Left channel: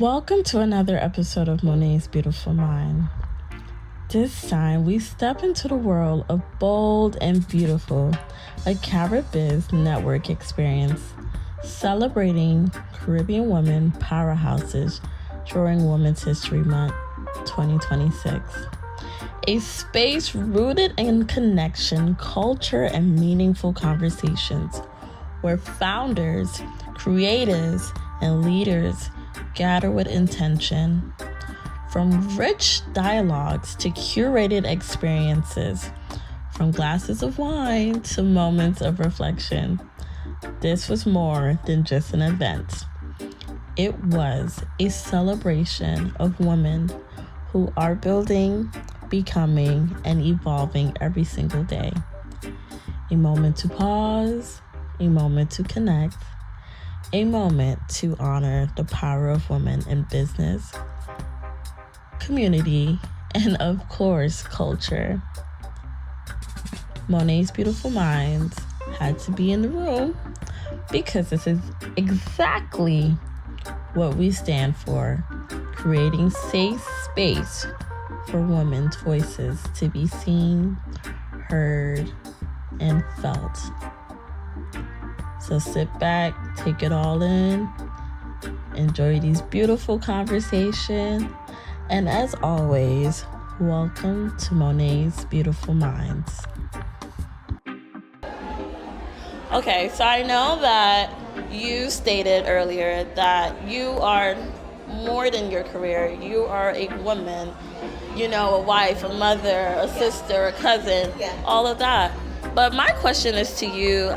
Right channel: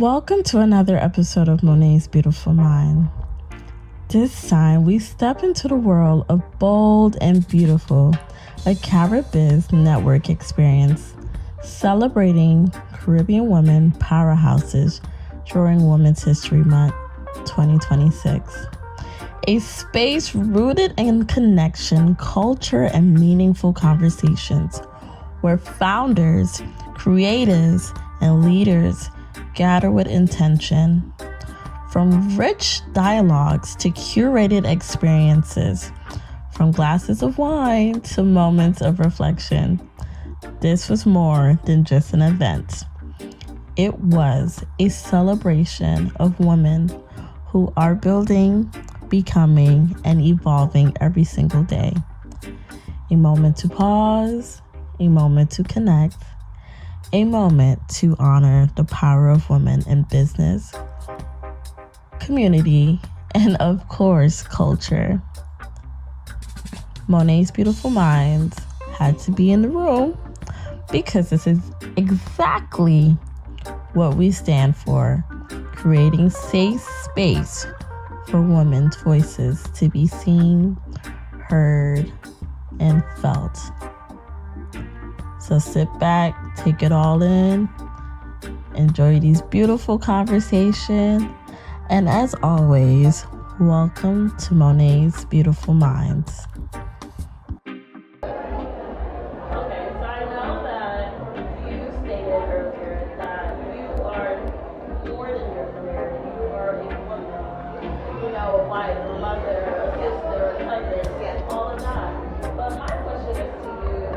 Welcome to another episode of Monét's Beautiful Mind. This time we step into the world of bold and beautiful, a Carib network experience celebrating Caribbean women powerhouses during Women's History Month 2026. A space rooted in connection, culture, and meaningful conversations where founders, creators, and leaders gather with intention. From rich dialogues to curated experiences, from glasses of wine to moments of reflection, this was more than just an event. It was a celebration of women who are building, becoming, and evolving every single day. A moment to pause, a moment to connect, a moment to honor the power of women in business, community, and of course, culture. Monét's Beautiful Minds had to be in the room because this is exactly what we stand for, creating safe space for women's voices to be seen, heard, and felt. So sit back, take it all in, enjoy these beautiful conversations, and as always, welcome to Monét's Beautiful Minds. Okay, so I know that you stated earlier that you are more than your career. You are a woman, a wife, a mother, a sister, a cousin, all of that. But my question is to you,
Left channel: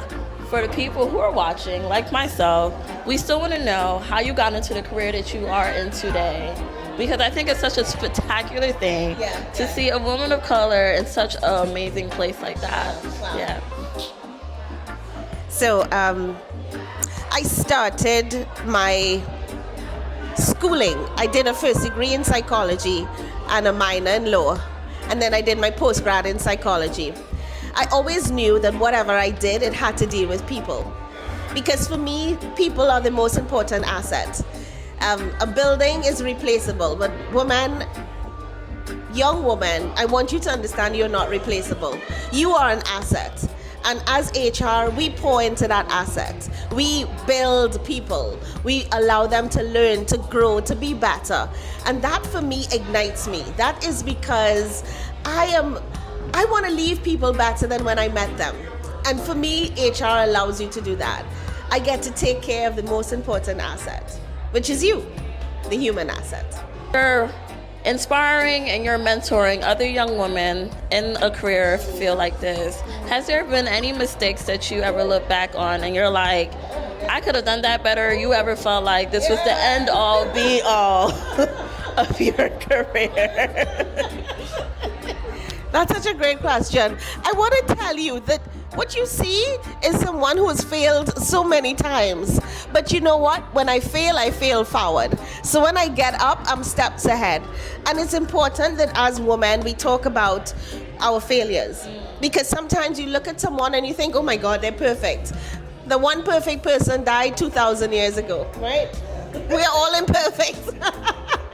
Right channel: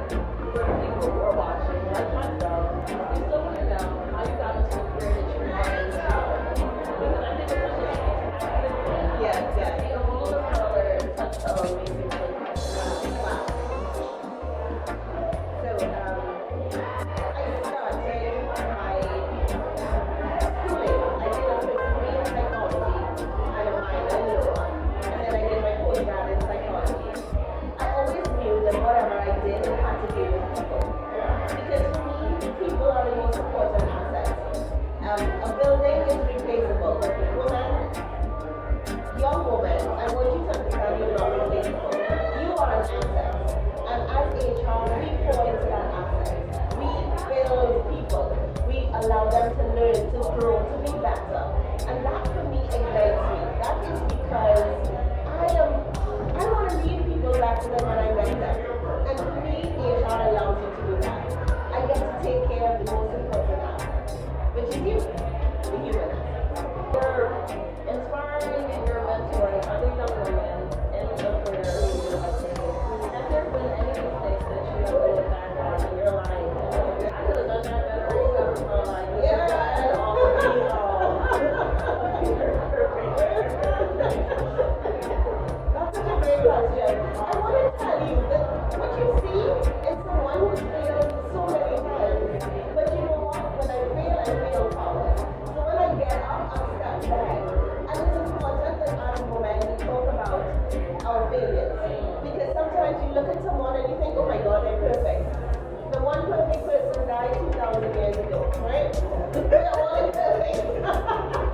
for the people who are watching, like myself, we still want to know how you got into the career that you are in today. Because I think it's such a spectacular thing to see a woman of color in such an amazing place like that. Yeah. So I started my schooling. I did a first degree in psychology and a minor in law. And then I did my postgrad in psychology. I always knew that whatever I did, it had to deal with people. Because for me, people are the most important asset. A building is replaceable, but young woman, I want you to understand you're not replaceable. You are an asset. And as HR, we pour into that asset. We build people. We allow them to learn, to grow, to be better. And that for me ignites me. That is because I want to leave people better than when I met them. And for me, HR allows you to do that. I get to take care of the most important asset, which is you, the human asset. You're inspiring and you're mentoring other young women in a career field like this. Has there been any mistakes that you ever look back on and you're like, I could have done that better? You ever felt like this was the end all be all of your career? That's such a great question. I want to tell you that what you see is someone who has failed so many times. But you know what? When I fail forward. So when I get up, I'm steps ahead. And it's important that as women, we talk about our failures. Because sometimes you look at someone and you think, oh my God, they're perfect. The one perfect person died 2,000 years ago, right? We're all imperfect.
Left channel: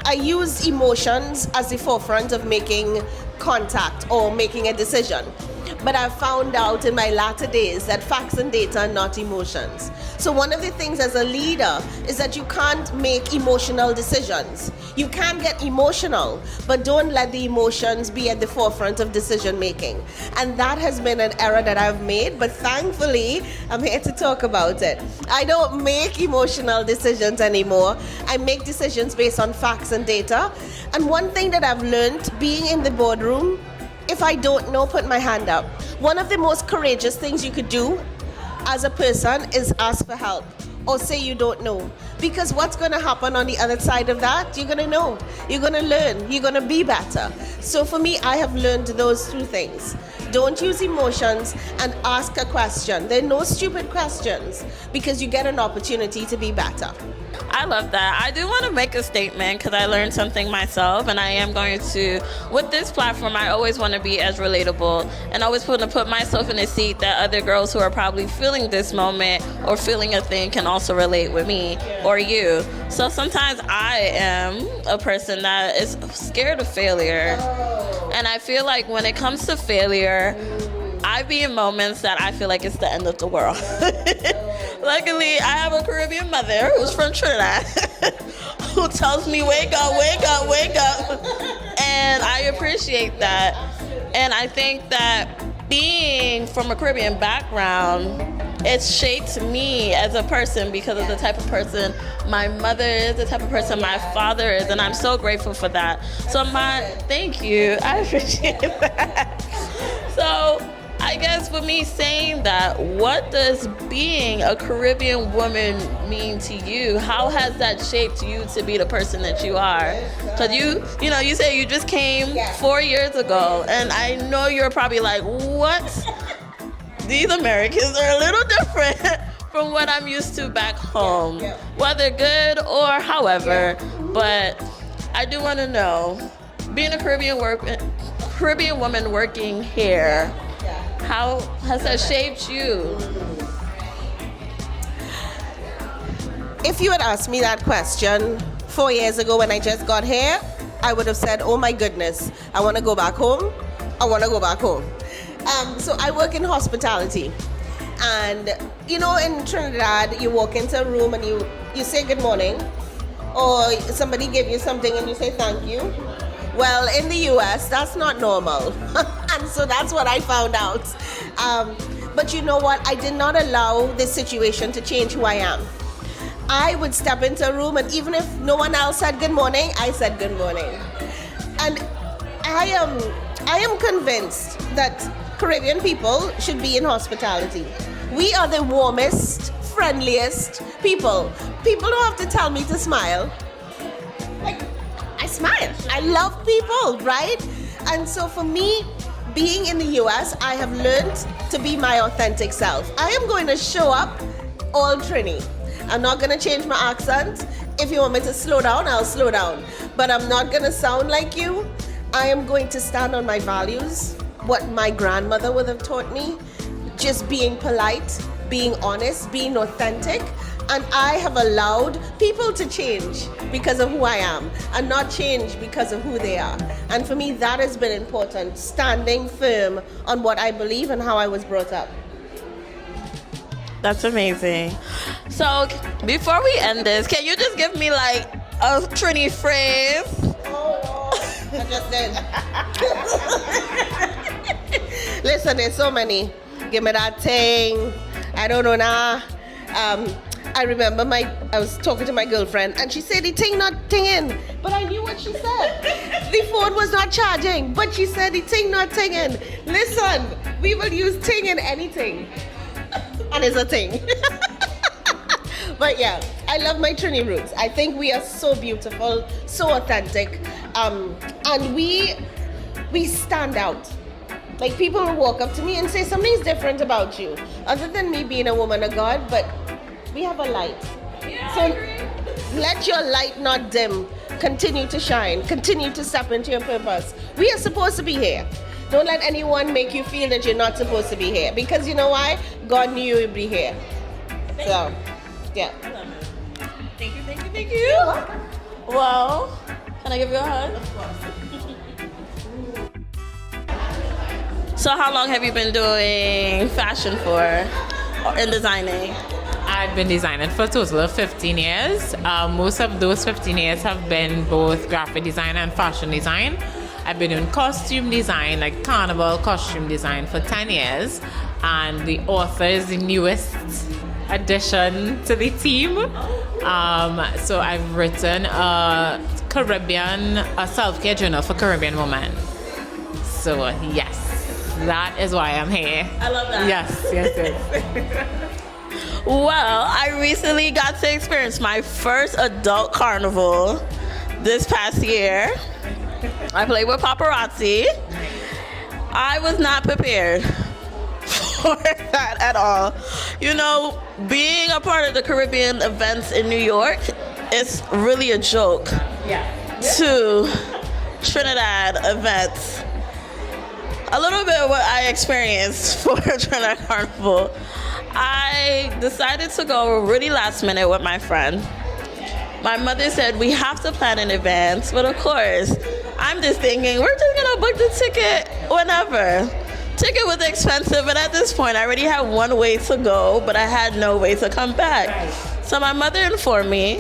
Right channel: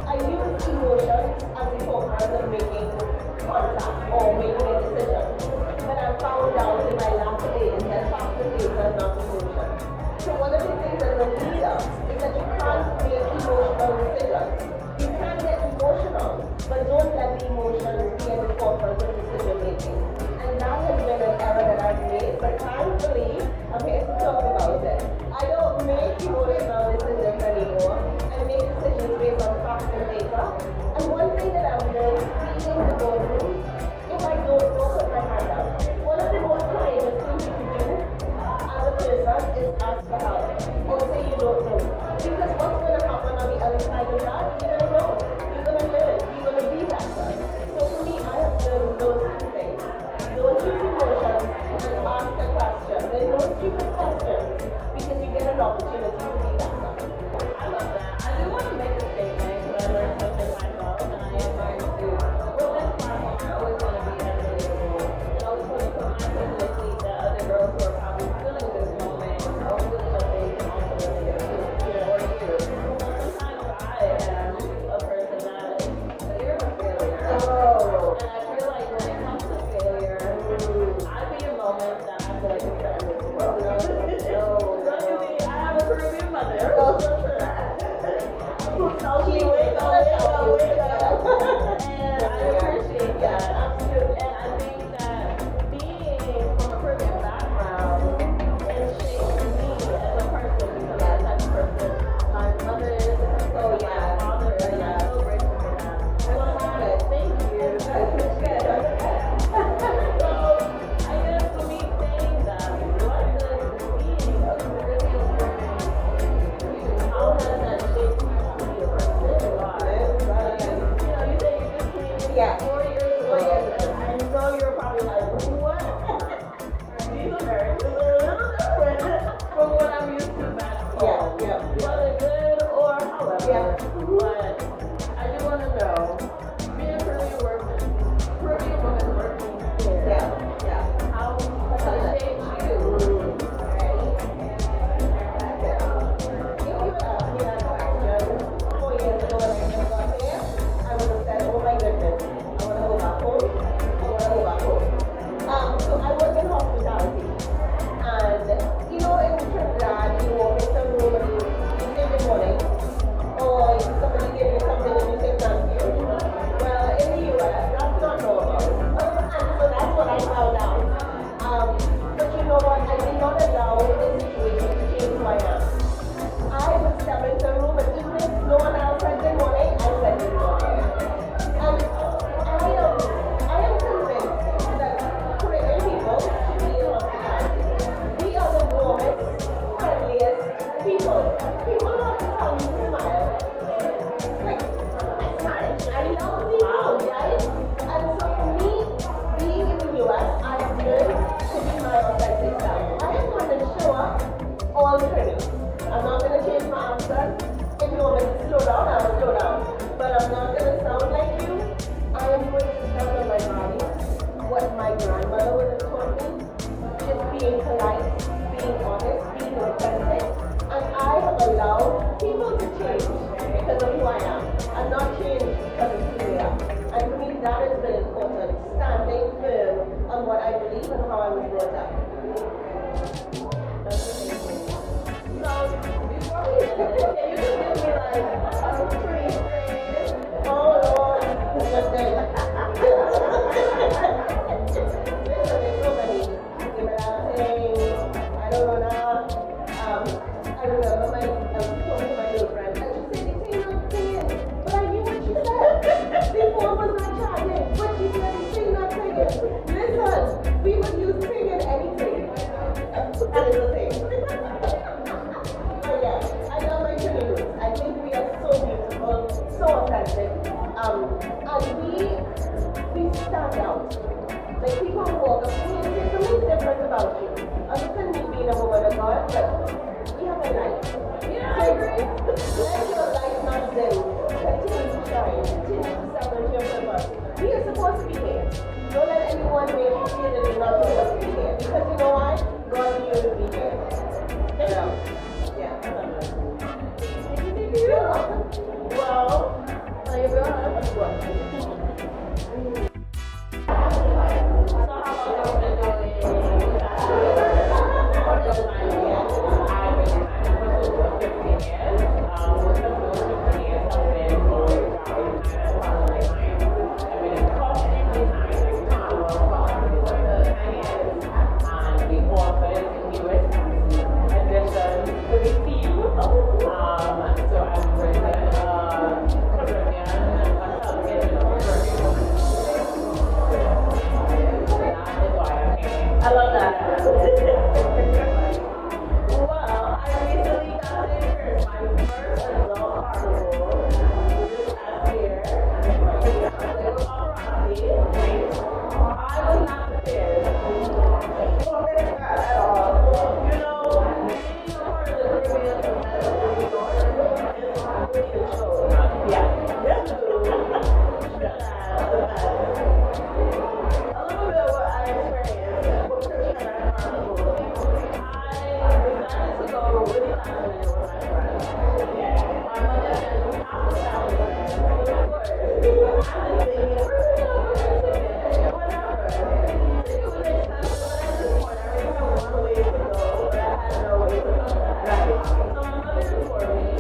I use emotions as the forefront of making contact or making a decision. But I've found out in my latter days that facts and data are not emotions. So one of the things as a leader is that you can't make emotional decisions. You can get emotional, but don't let the emotions be at the forefront of decision making. And that has been an error that I've made, but thankfully, I'm here to talk about it. I don't make emotional decisions anymore. I make decisions based on facts and data. And one thing that I've learned being in the boardroom, if I don't know, put my hand up. One of the most courageous things you could do as a person is ask for help or say you don't know. Because what's going to happen on the other side of that? You're going to know. You're going to learn. You're going to be better. So for me, I have learned those two things. Don't use emotions and ask a question. There are no stupid questions because you get an opportunity to be better. I love that. I do want to make a statement because I learned something myself, and I am going to, with this platform, I always want to be as relatable and always want to put myself in a seat that other girls who are probably feeling feeling this moment or feeling a thing can also relate with me or you. So sometimes I am a person that is scared of failure. And I feel like when it comes to failure, I be in moments that I feel like it's the end of the world. Luckily, I have a Caribbean mother who's from Trinidad who tells me, wake up, wake up, wake up. And I appreciate that. And I think that being from a Caribbean background, it's shaped me as a person because of the type of person my mother is, the type of person my father is, and I'm so grateful for that. So thank you, I appreciate that. So I guess for me saying that, what does being a Caribbean woman mean to you? How has that shaped you to be the person that you are? Because you say you just came 4 years ago, and I know you're probably like, what? These Americans are a little different from what I'm used to back home, whether good or however. But I do want to know, being a Caribbean woman working here, how has that shaped you? If you had asked me that question 4 years ago when I just got here, I would have said, oh my goodness, I want to go back home. I want to go back home. So I work in hospitality. And, in Trinidad, you walk into a room and you say good morning, or somebody give you something and you say thank you. Well, in the US, that's not normal. And so that's what I found out. But you know what? I did not allow this situation to change who I am. I would step into a room, and even if no one else said good morning, I said good morning. And I am convinced that Caribbean people should be in hospitality. We are the warmest, friendliest people. People don't have to tell me to smile. I smile. I love people, right? And so for me, being in the US, I have learned to be my authentic self. I am going to show up all Trini. I'm not going to change my accent. If you want me to slow down, I'll slow down. But I'm not going to sound like you. I am going to stand on my values, what my grandmother would have taught me, just being polite, being honest, being authentic. And I have allowed people to change because of who I am and not change because of who they are. And for me, that has been important, standing firm on what I believe and how I was brought up. That's amazing. So before we end this, can you just give me like a Trini phrase? Listen, there's so many. Give me that thing. I don't know now. I remember I was talking to my girlfriend and she said the thing not tinging. But I knew what she said. The phone was not charging, but she said the thing not tinging. Listen, we will use ting in anything. And it's a thing. But yeah, I love my Trini roots. I think we are so beautiful, so authentic, and we stand out. Like people will walk up to me and say something's different about you, other than me being a woman of God. But we have a light. So let your light not dim. Continue to shine. Continue to step into your purpose. We are supposed to be here. Don't let anyone make you feel that you're not supposed to be here. Because you know why? God knew you would be here. So, yeah. Thank you. Well, can I give you a hug? Of course. So how long have you been doing fashion for and designing? I've been designing for a total of 15 years. Most of those 15 years have been both graphic design and fashion design. I've been doing costume design, like carnival costume design for 10 years. And the author is the newest addition to the team. So I've written a self-care journal for Caribbean women. So yes, that is why I'm here. I love that. Yes. Well, I recently got to experience my first adult carnival this past year. I played with paparazzi. I was not prepared for that at all. You know, being a part of the Caribbean events in New York is really a joke to Trinidad events. A little bit of what I experienced for Trinidad Carnival. I decided to go really last minute with my friend. My mother said we have to plan in advance, but of course, I'm just thinking we're just gonna book the ticket whenever. Ticket was expensive, and at this point, I already had one way to go, but I had no way to come back. So my mother informed me,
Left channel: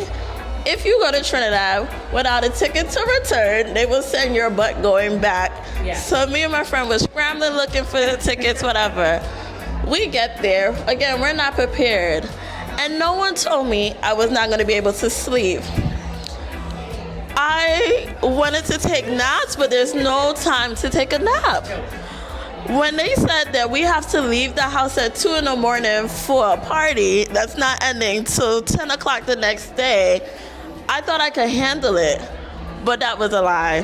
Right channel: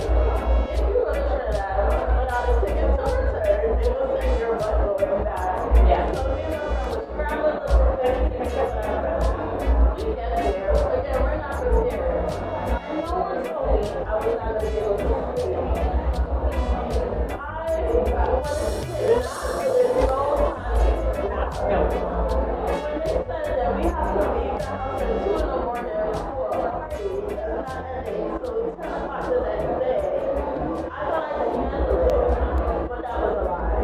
if you go to Trinidad without a ticket to return, they will send your butt going back. Yeah. So me and my friend was scrambling looking for the tickets, whatever. We get there, again, we're not prepared. And no one told me I was not gonna be able to sleep. I wanted to take naps, but there's no time to take a nap. When they said that we have to leave the house at 2 in the morning for a party that's not ending till 10 o'clock the next day, I thought I could handle it, but that was a lie.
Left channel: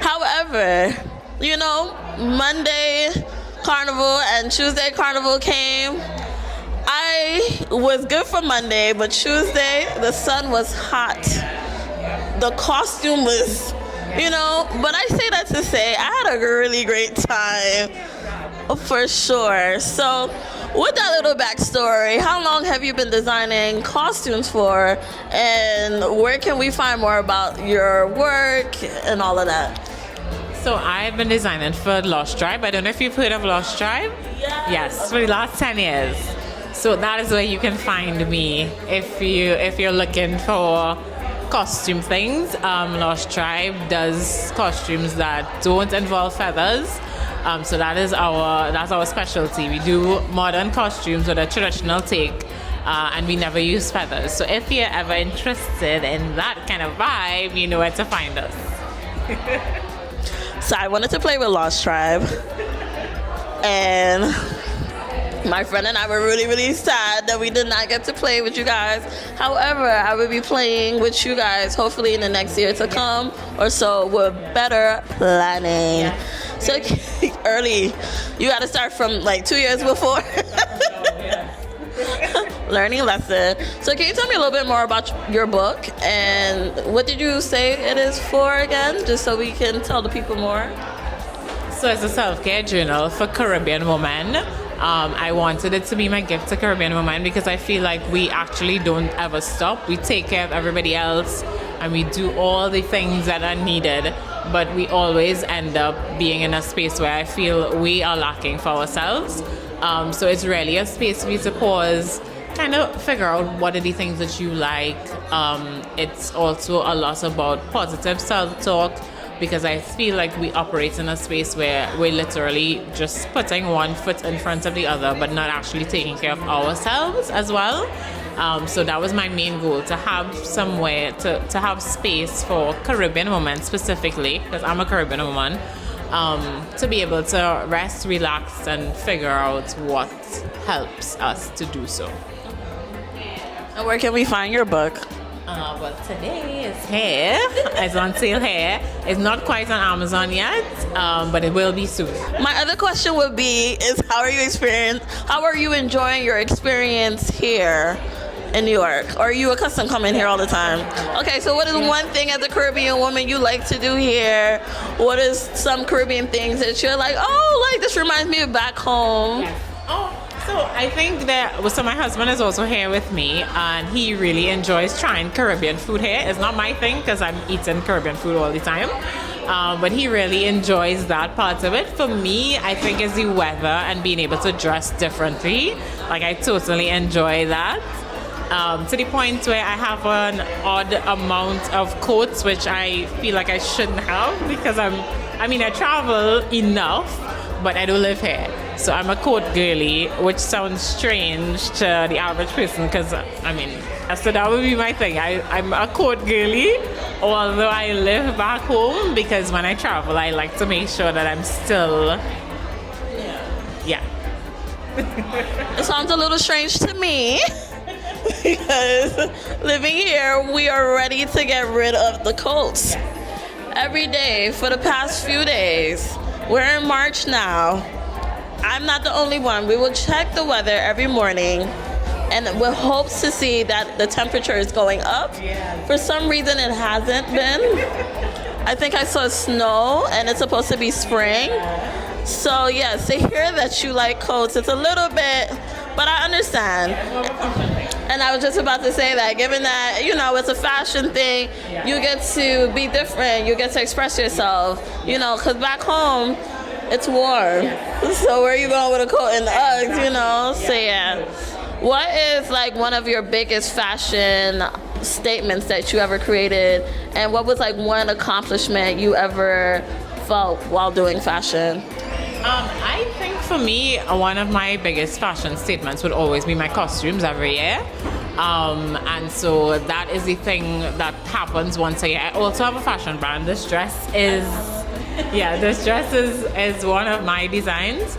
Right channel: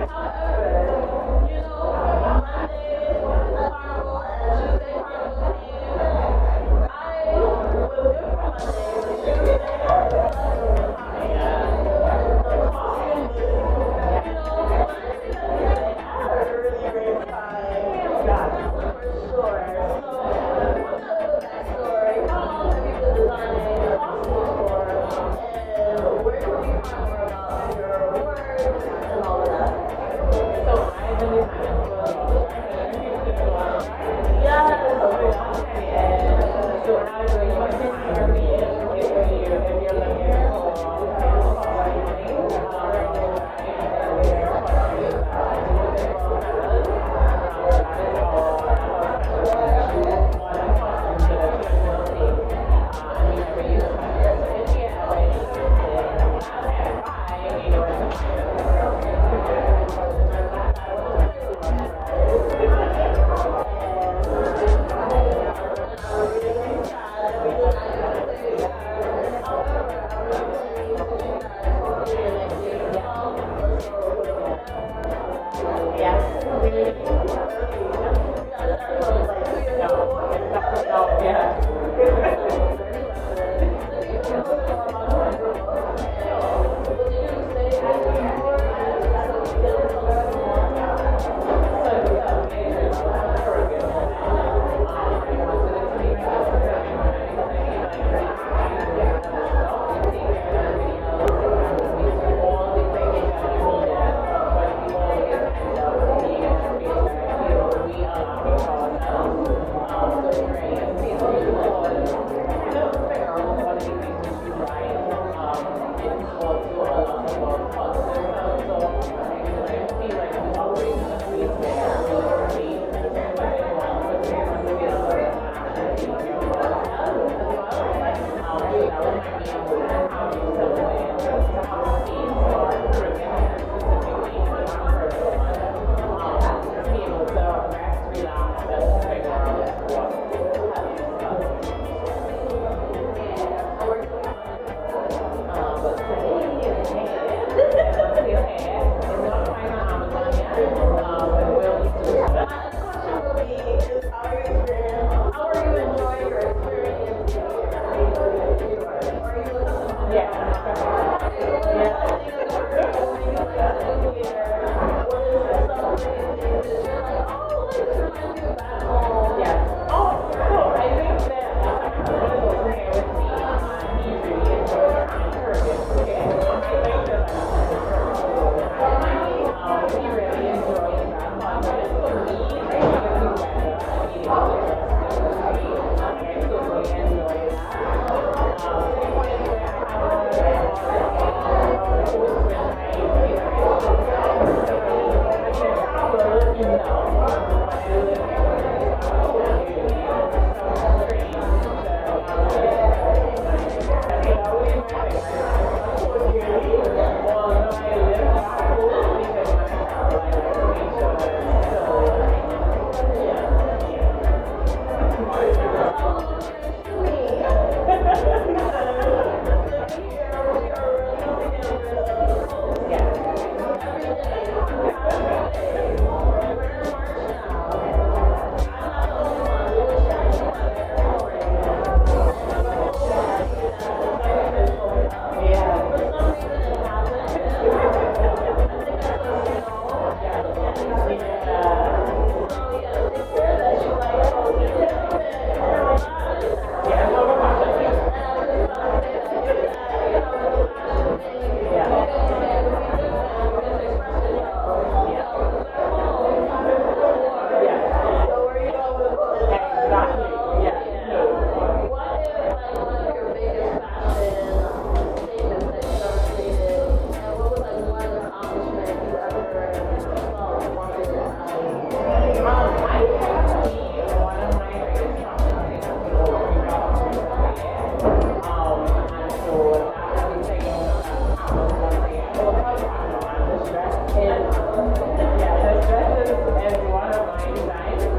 However, you know, Monday Carnival and Tuesday Carnival came. I was good for Monday, but Tuesday the sun was hot. The costume was, you know, but I say that to say I had a really great time, for sure. So with that little backstory, how long have you been designing costumes for, and where can we find more about your work and all of that? So I've been designing for Lost Tribe. I don't know if you've heard of Lost Tribe. Yeah. Yes, for the last 10 years. So that is where you can find me if you're looking for costume things. Lost Tribe does costumes that don't involve feathers. So that's our specialty. We do modern costumes with a traditional take, and we never use feathers. So if you're ever interested in that kind of vibe, you know where to find us. So I wanted to play with Lost Tribe, and my friend and I were really, really sad that we did not get to play with you guys. However, I will be playing with you guys hopefully in the next year to come or so with better planning. Yeah. So early, you got to start from like 2 years before. Learning lesson. So can you tell me a little bit more about your book, and what did you say it is for again, just so we can tell the people more? So it's a self-care journal for Caribbean women. I wanted it to be my gift to Caribbean women because I feel like we actually don't ever stop. We take care of everybody else and we do all the things that are needed, but we always end up being in a space where I feel we are lacking for ourselves. So it's really a space for you to pause, kind of figure out what are the things that you like. It's also a lot about positive self-talk, because I feel like we operate in a space where we're literally just putting one foot in front of the other, but not actually taking care of ourselves as well. So that was my main goal, to have somewhere, to have space for Caribbean women specifically, because I'm a Caribbean woman, to be able to rest, relax, and figure out what helps us to do so. And where can we find your book? But today it's here. It's on sale here. It's not quite on Amazon yet, but it will be soon. My other question would be is how are you enjoying your experience here in New York? Or are you accustomed coming here all the time? Okay, so what is one thing as a Caribbean woman you like to do here? What is some Caribbean things that you're like, oh, like this reminds me of back home? Yes. Oh, so I think that, so my husband is also here with me, and he really enjoys trying Caribbean food here. It's not my thing because I'm eating Caribbean food all the time, but he really enjoys that part of it. For me, I think it's the weather and being able to dress differently. Like, I totally enjoy that. To the point where I have an odd amount of coats, which I feel like I shouldn't have, because I travel enough, but I don't live here. So I'm a coat girly, which sounds strange to the average person, because so that would be my thing. I'm a coat girly, although I live back home, because when I travel, I like to make sure that I'm still, It sounds a little strange to me because living here, we are ready to get rid of the coats. Every day for the past few days. We're in March now. I'm not the only one. We will check the weather every morning and with hopes to see that the temperature is going up. For some reason it hasn't been. I think I saw snow and it's supposed to be spring. So yes, to hear that you like coats, it's a little bit, but I understand. about to say that, given that, you know, it's a fashion thing, you get to be different, you get to express yourself, you know, because back home, it's warm. So where are you going with a coat and Uggs, you know? So yeah. What is like one of your biggest fashion statements that you ever created, and what was like one accomplishment you ever felt while doing fashion? I think for me, one of my biggest fashion statements would always be my costumes every year. And so that is the thing that happens once a year. I also have a fashion brand. This dress is one of my designs.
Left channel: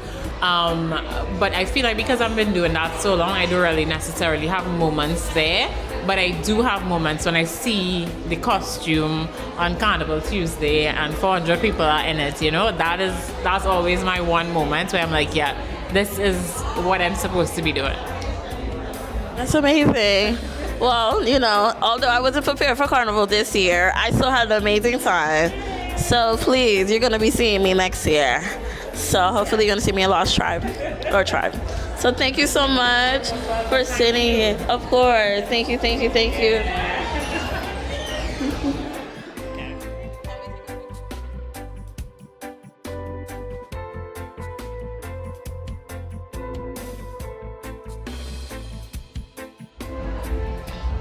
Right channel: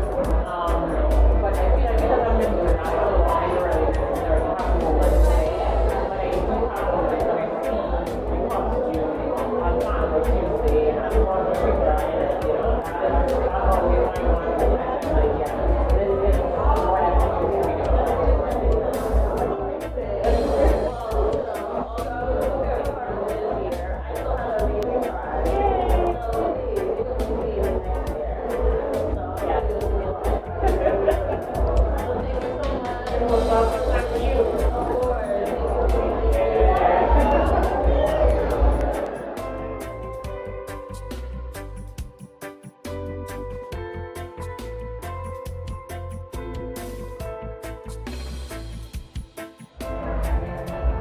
But I feel like because I've been doing that so long, I don't really necessarily have moments there. But I do have moments when I see the costume on Carnival Tuesday and 400 people are in it, you know? That's always my one moment where I'm like, yeah, this is what I'm supposed to be doing. That's amazing. Well, you know, although I wasn't prepared for Carnival this year, I still had an amazing time. So please, you're gonna be seeing me next year. So hopefully you're gonna see me in Lost Tribe. So thank you so much for sitting here. Of course. Thank you.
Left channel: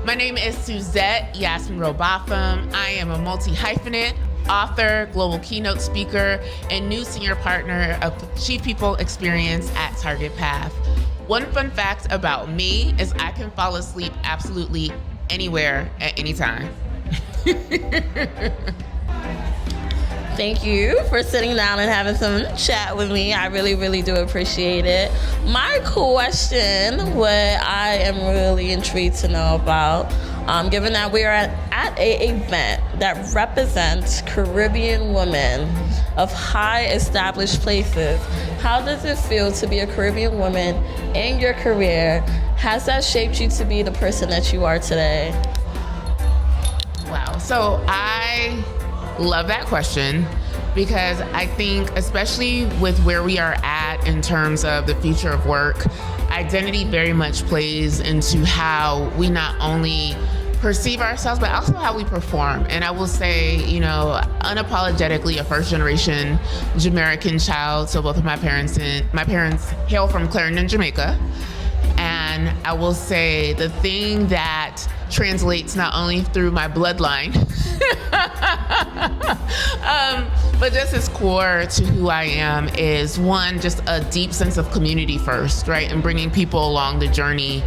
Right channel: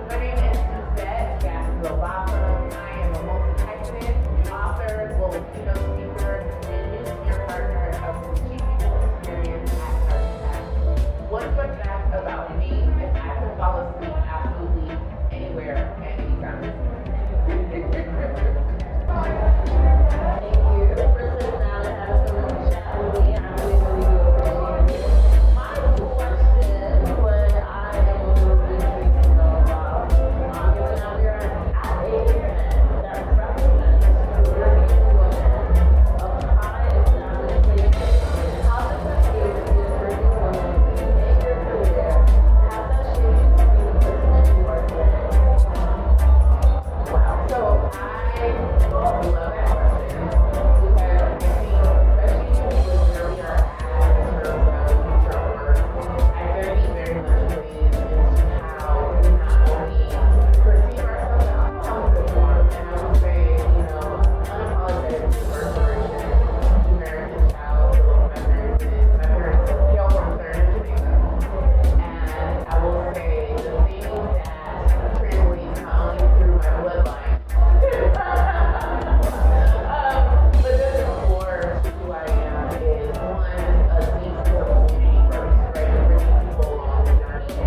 My name is Suzette Yasmin Robotham. I am a multi-hyphenate, author, global keynote speaker, and new senior partner of Chief People Experience at Target Path. One fun fact about me is I can fall asleep absolutely anywhere at any time. Thank you for sitting down and having some chat with me. I really, really do appreciate it. My question, what I am really intrigued to know about, given that we are at an event that represents Caribbean women of high established places, how does it feel to be a Caribbean woman in your career? Has that shaped you to be the person that you are today? Wow, so I love that question because I think, especially with where we are at in terms of the future of work, identity very much plays into how we not only perceive ourselves, but also how we perform. And I will say, you know, unapologetically a first generation Jamaican child. So both of my parents hail from Clarendon, Jamaica. And I will say the thing that translates not only through my bloodline, but just as core to who I am is one, just a deep sense of community first, right? And bringing people along the journey.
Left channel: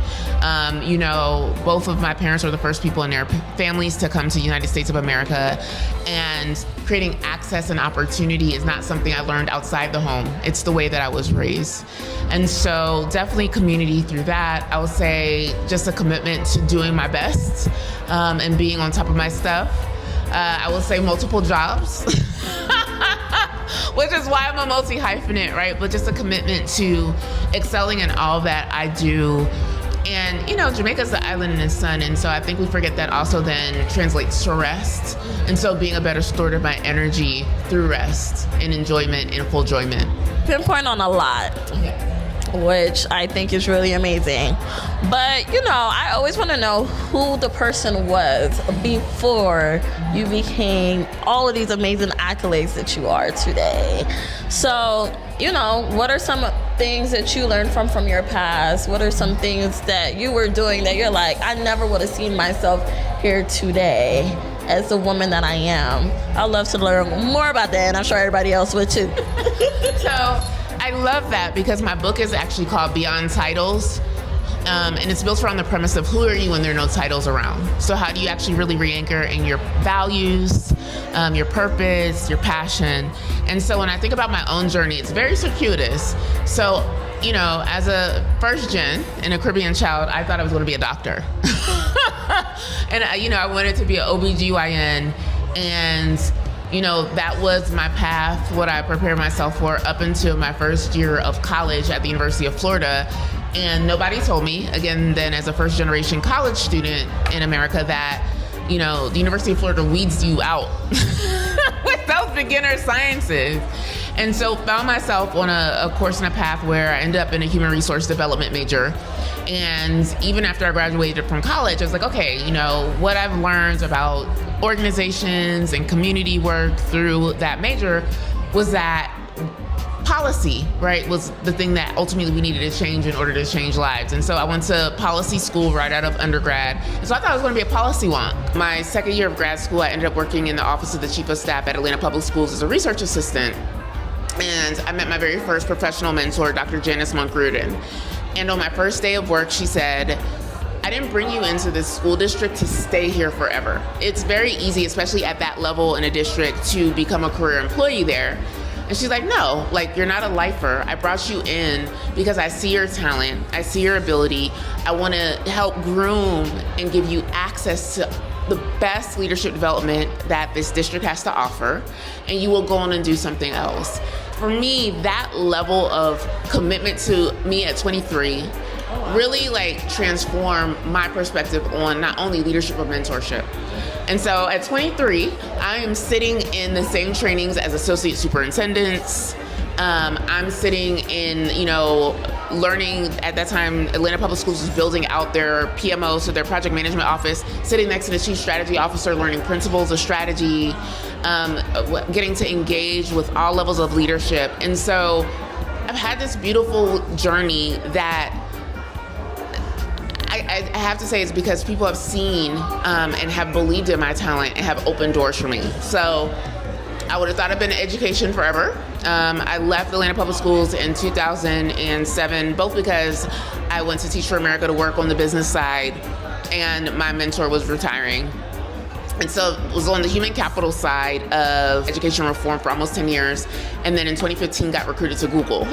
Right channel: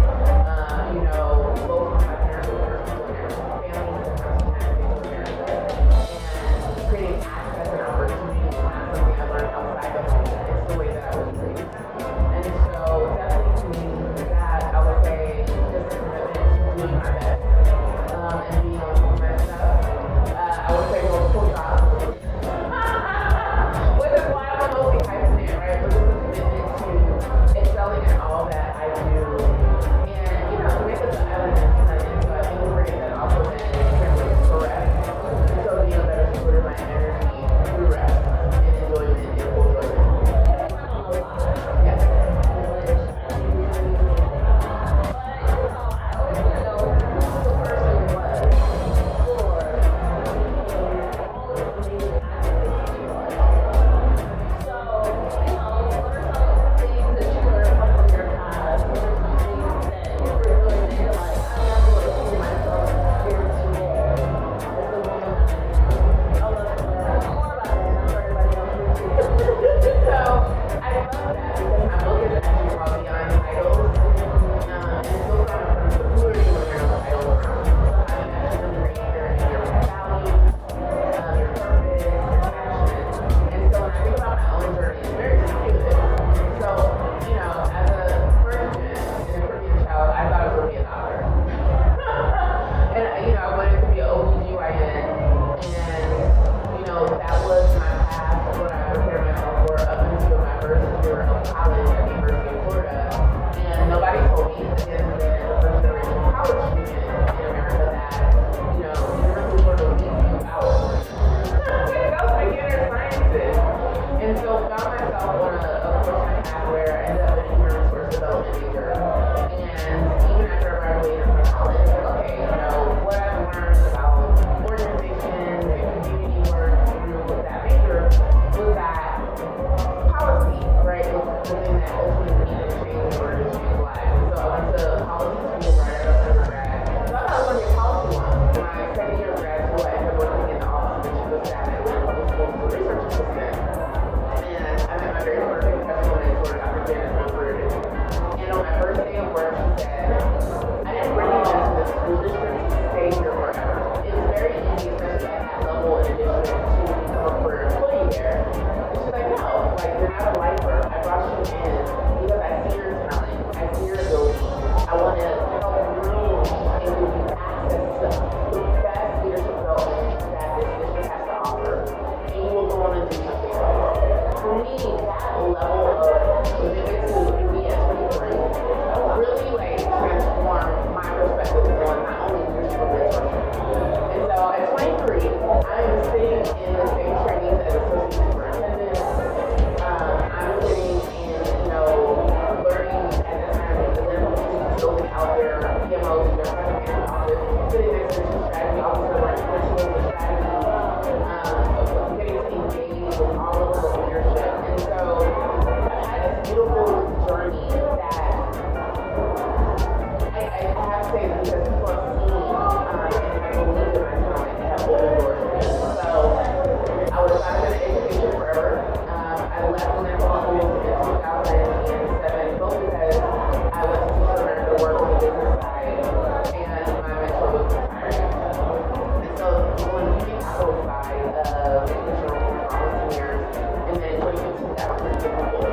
You know, both of my parents were the first people in their families to come to the United States of America, and creating access and opportunity is not something I learned outside the home. It's the way that I was raised. And so definitely community through that. I would say just a commitment to doing my best and being on top of my stuff. I will say multiple jobs, which is why I'm a multi-hyphenate, right? But just a commitment to excelling in all that I do. And, you know, Jamaica's the island in the sun, and so I think we forget that also then translates to rest. And so being a better steward of my energy through rest and enjoyment and full enjoyment. Pinpoint on a lot. Yeah. Which I think is really amazing. But, you know, I always want to know who the person was before you became all of these amazing accolades that you are today. So, you know, what are some things that you learned from your past? What are some things that you were doing that you're like, I never would have seen myself here today as the woman that I am? I'd love to learn more about that, and I'm sure everybody else would too. So I love that because my book is actually called Beyond Titles. And it's built around the premise of who are you when there are no titles around. So how do you actually really re-anchor in your values, your purpose, your passion? And so when I think about my own journey, it's very circuitous. So, you know, as a first gen and a Caribbean child, I thought I was going to be a doctor. And, you know, I wanted to be an OBGYN, and you know, that was my path, what I prepared myself for up until my first year of college at the University of Florida. And nobody told me, again, then as a first generation college student in America, that, you know, the University of Florida weeds you out with those beginner sciences. And so found myself on a course and a path where I ended up in a human resource development major. And even after I graduated from college, I was like, okay, you know, what I've learned about organizations and community work through that major was that policy, right, was the thing that ultimately we needed to change in order to change lives. And so I went to policy school right out of undergrad. So I thought I was going to be a policy wonk. My second year of grad school, I ended up working in the office of the chief of staff at Atlanta Public Schools as a research assistant. And I met my very first professional mentor, Dr. Janice Monk-Rudin. And on my first day of work, she said, I didn't bring you into this school district to stay here forever. It's very easy, especially at that level in a district, to become a career employee there. And she's like, no, like, you're not a lifer. I brought you in because I see your talent, I see your ability. I want to help groom and give you access to the best leadership development that this district has to offer, and you will go on and do something else. For me, that level of commitment to me at 23 really like transformed my perspective on not only leadership but mentorship. And so at 23, I am sitting in the same trainings as associate superintendents. I'm sitting in, you know, learning at that time, Atlanta Public Schools was building out their PMO, so their project management office, sitting next to the chief strategy officer, learning principles of strategy, getting to engage with all levels of leadership. And so I've had this beautiful journey that I have to say it's because people have seen and have believed in my talent and have opened doors for me. So I would have thought I'd been in education forever. I left Atlanta Public Schools in 2007, both because I went to Teach for America to work on the business side, and my mentor was retiring. And so I was on the human capital side of education reform for almost 10 years, and then in 2015 got recruited to Google.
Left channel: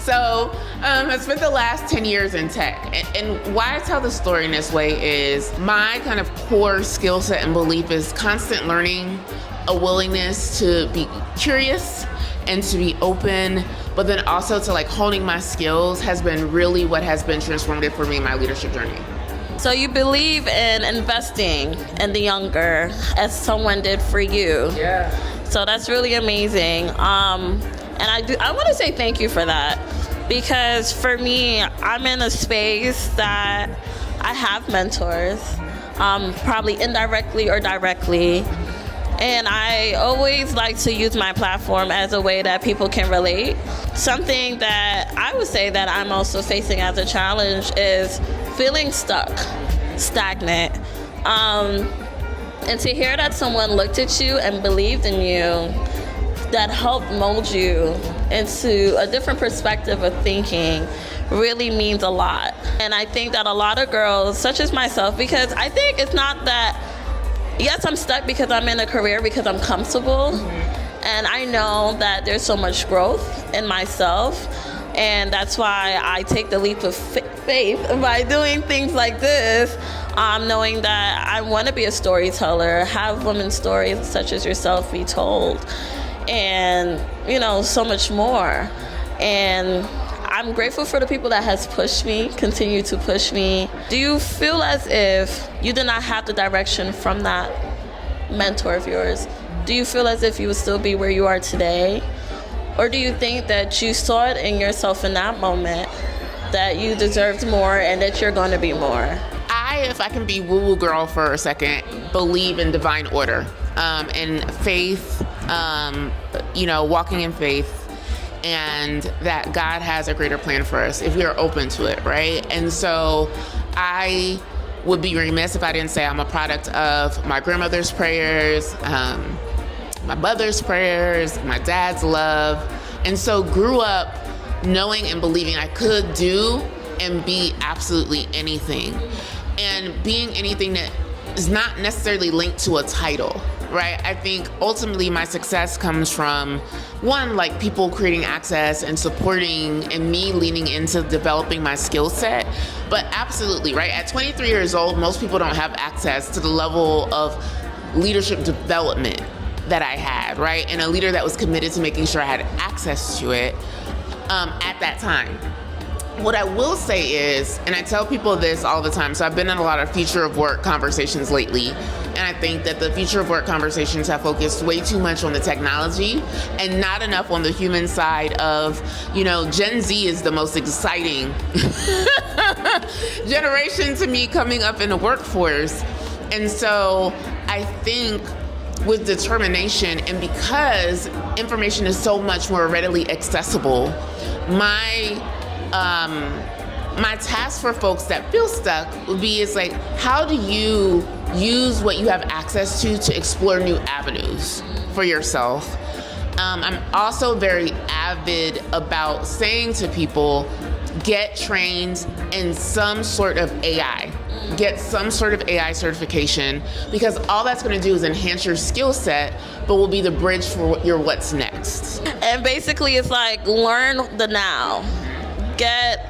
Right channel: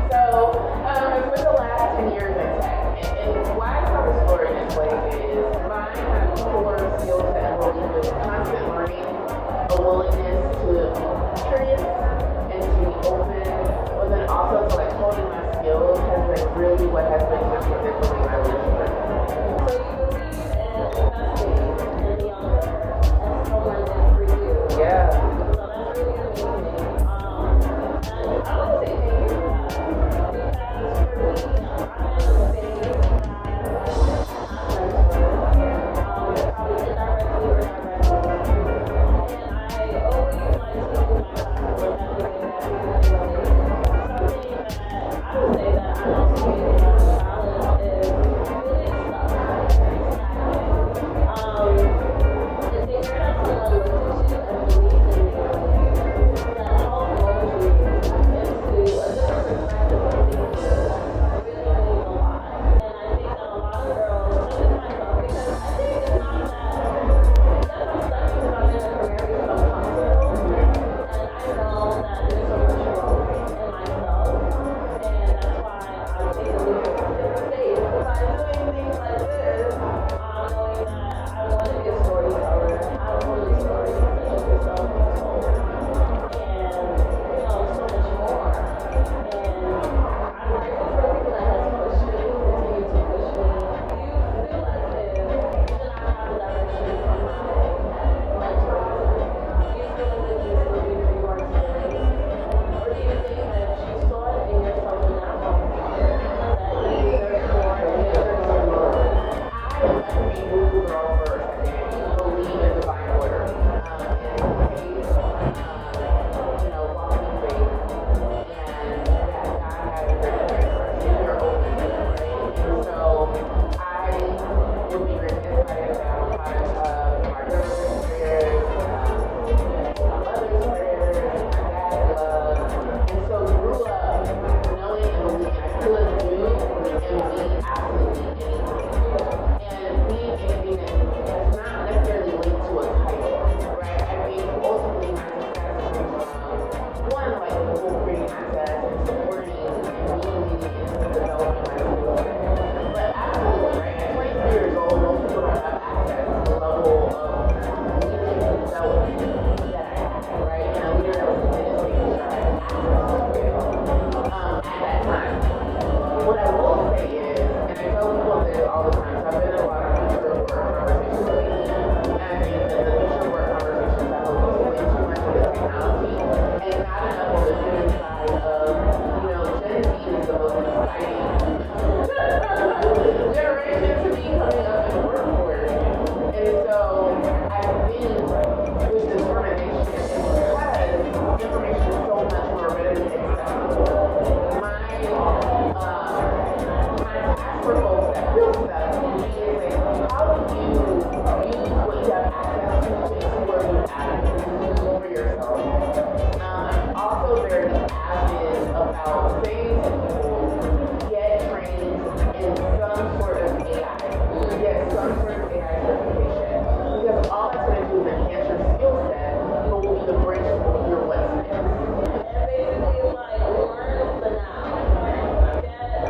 So I spent the last 10 years in tech. And why I tell the story in this way is my kind of core skill set and belief is constant learning, a willingness to be curious and to be open, but then also to like honing my skills has been really what has been transformative for me in my leadership journey. So you believe in investing in the younger as someone did for you. Yeah. So that's really amazing. And I want to say thank you for that, because for me, I'm in a space that I have mentors, probably indirectly or directly. And I always like to use my platform as a way that people can relate. Something that I would say that I'm also facing as a challenge is feeling stuck, stagnant. And to hear that someone looked at you and believed in you, that helped mold you into a different perspective of thinking, really means a lot. And I think that a lot of girls, such as myself, because I think it's not that, yes, I'm stuck because I'm in a career because I'm comfortable, and I know that there's so much growth in myself, and that's why I take the leap of faith by doing things like this, knowing that I want to be a storyteller, have women's stories such as yourself be told, and you know, so much more. And I'm grateful for the people that has pushed me, continue to push me. Do you feel as if you did not have the direction from that mentor of yours? Do you feel as if you would still be where you are today? Or do you think that you saw it in yourself in that moment, that you deserved more and that you're going to be more? If I can be woo-woo girl for a second, believe in divine order, in faith, you know, walking in faith, and that God has a greater plan for us if we're open to it, right? And so I would be remiss if I didn't say I'm a product of my grandmother's prayers, my mother's prayers, my dad's love, and so grew up knowing and believing I could do and be absolutely anything. And being anything that is not necessarily linked to a title, right? I think ultimately my success comes from, one, like people creating access and supporting and me leaning into developing my skill set. But absolutely, right? At 23 years old, most people don't have access to the level of leadership development that I had, right? And a leader that was committed to making sure I had access to it at that time. what I will say is, and I tell people this all the time, so I've been in a lot of future of work conversations lately, and I think that the future of work conversations have focused way too much on the technology and not enough on the human side of, Gen Z is the most exciting generation to me coming up in the workforce. And so I think with determination, and because information is so much more readily accessible, my task for folks that feel stuck would be how do you use what you have access to explore new avenues for yourself? I'm also very avid about saying to people, get trained in some sort of AI. Get some sort of AI certification, because all that's going to do is enhance your skill set, but will be the bridge for your what's next. And basically it's learn the now. Get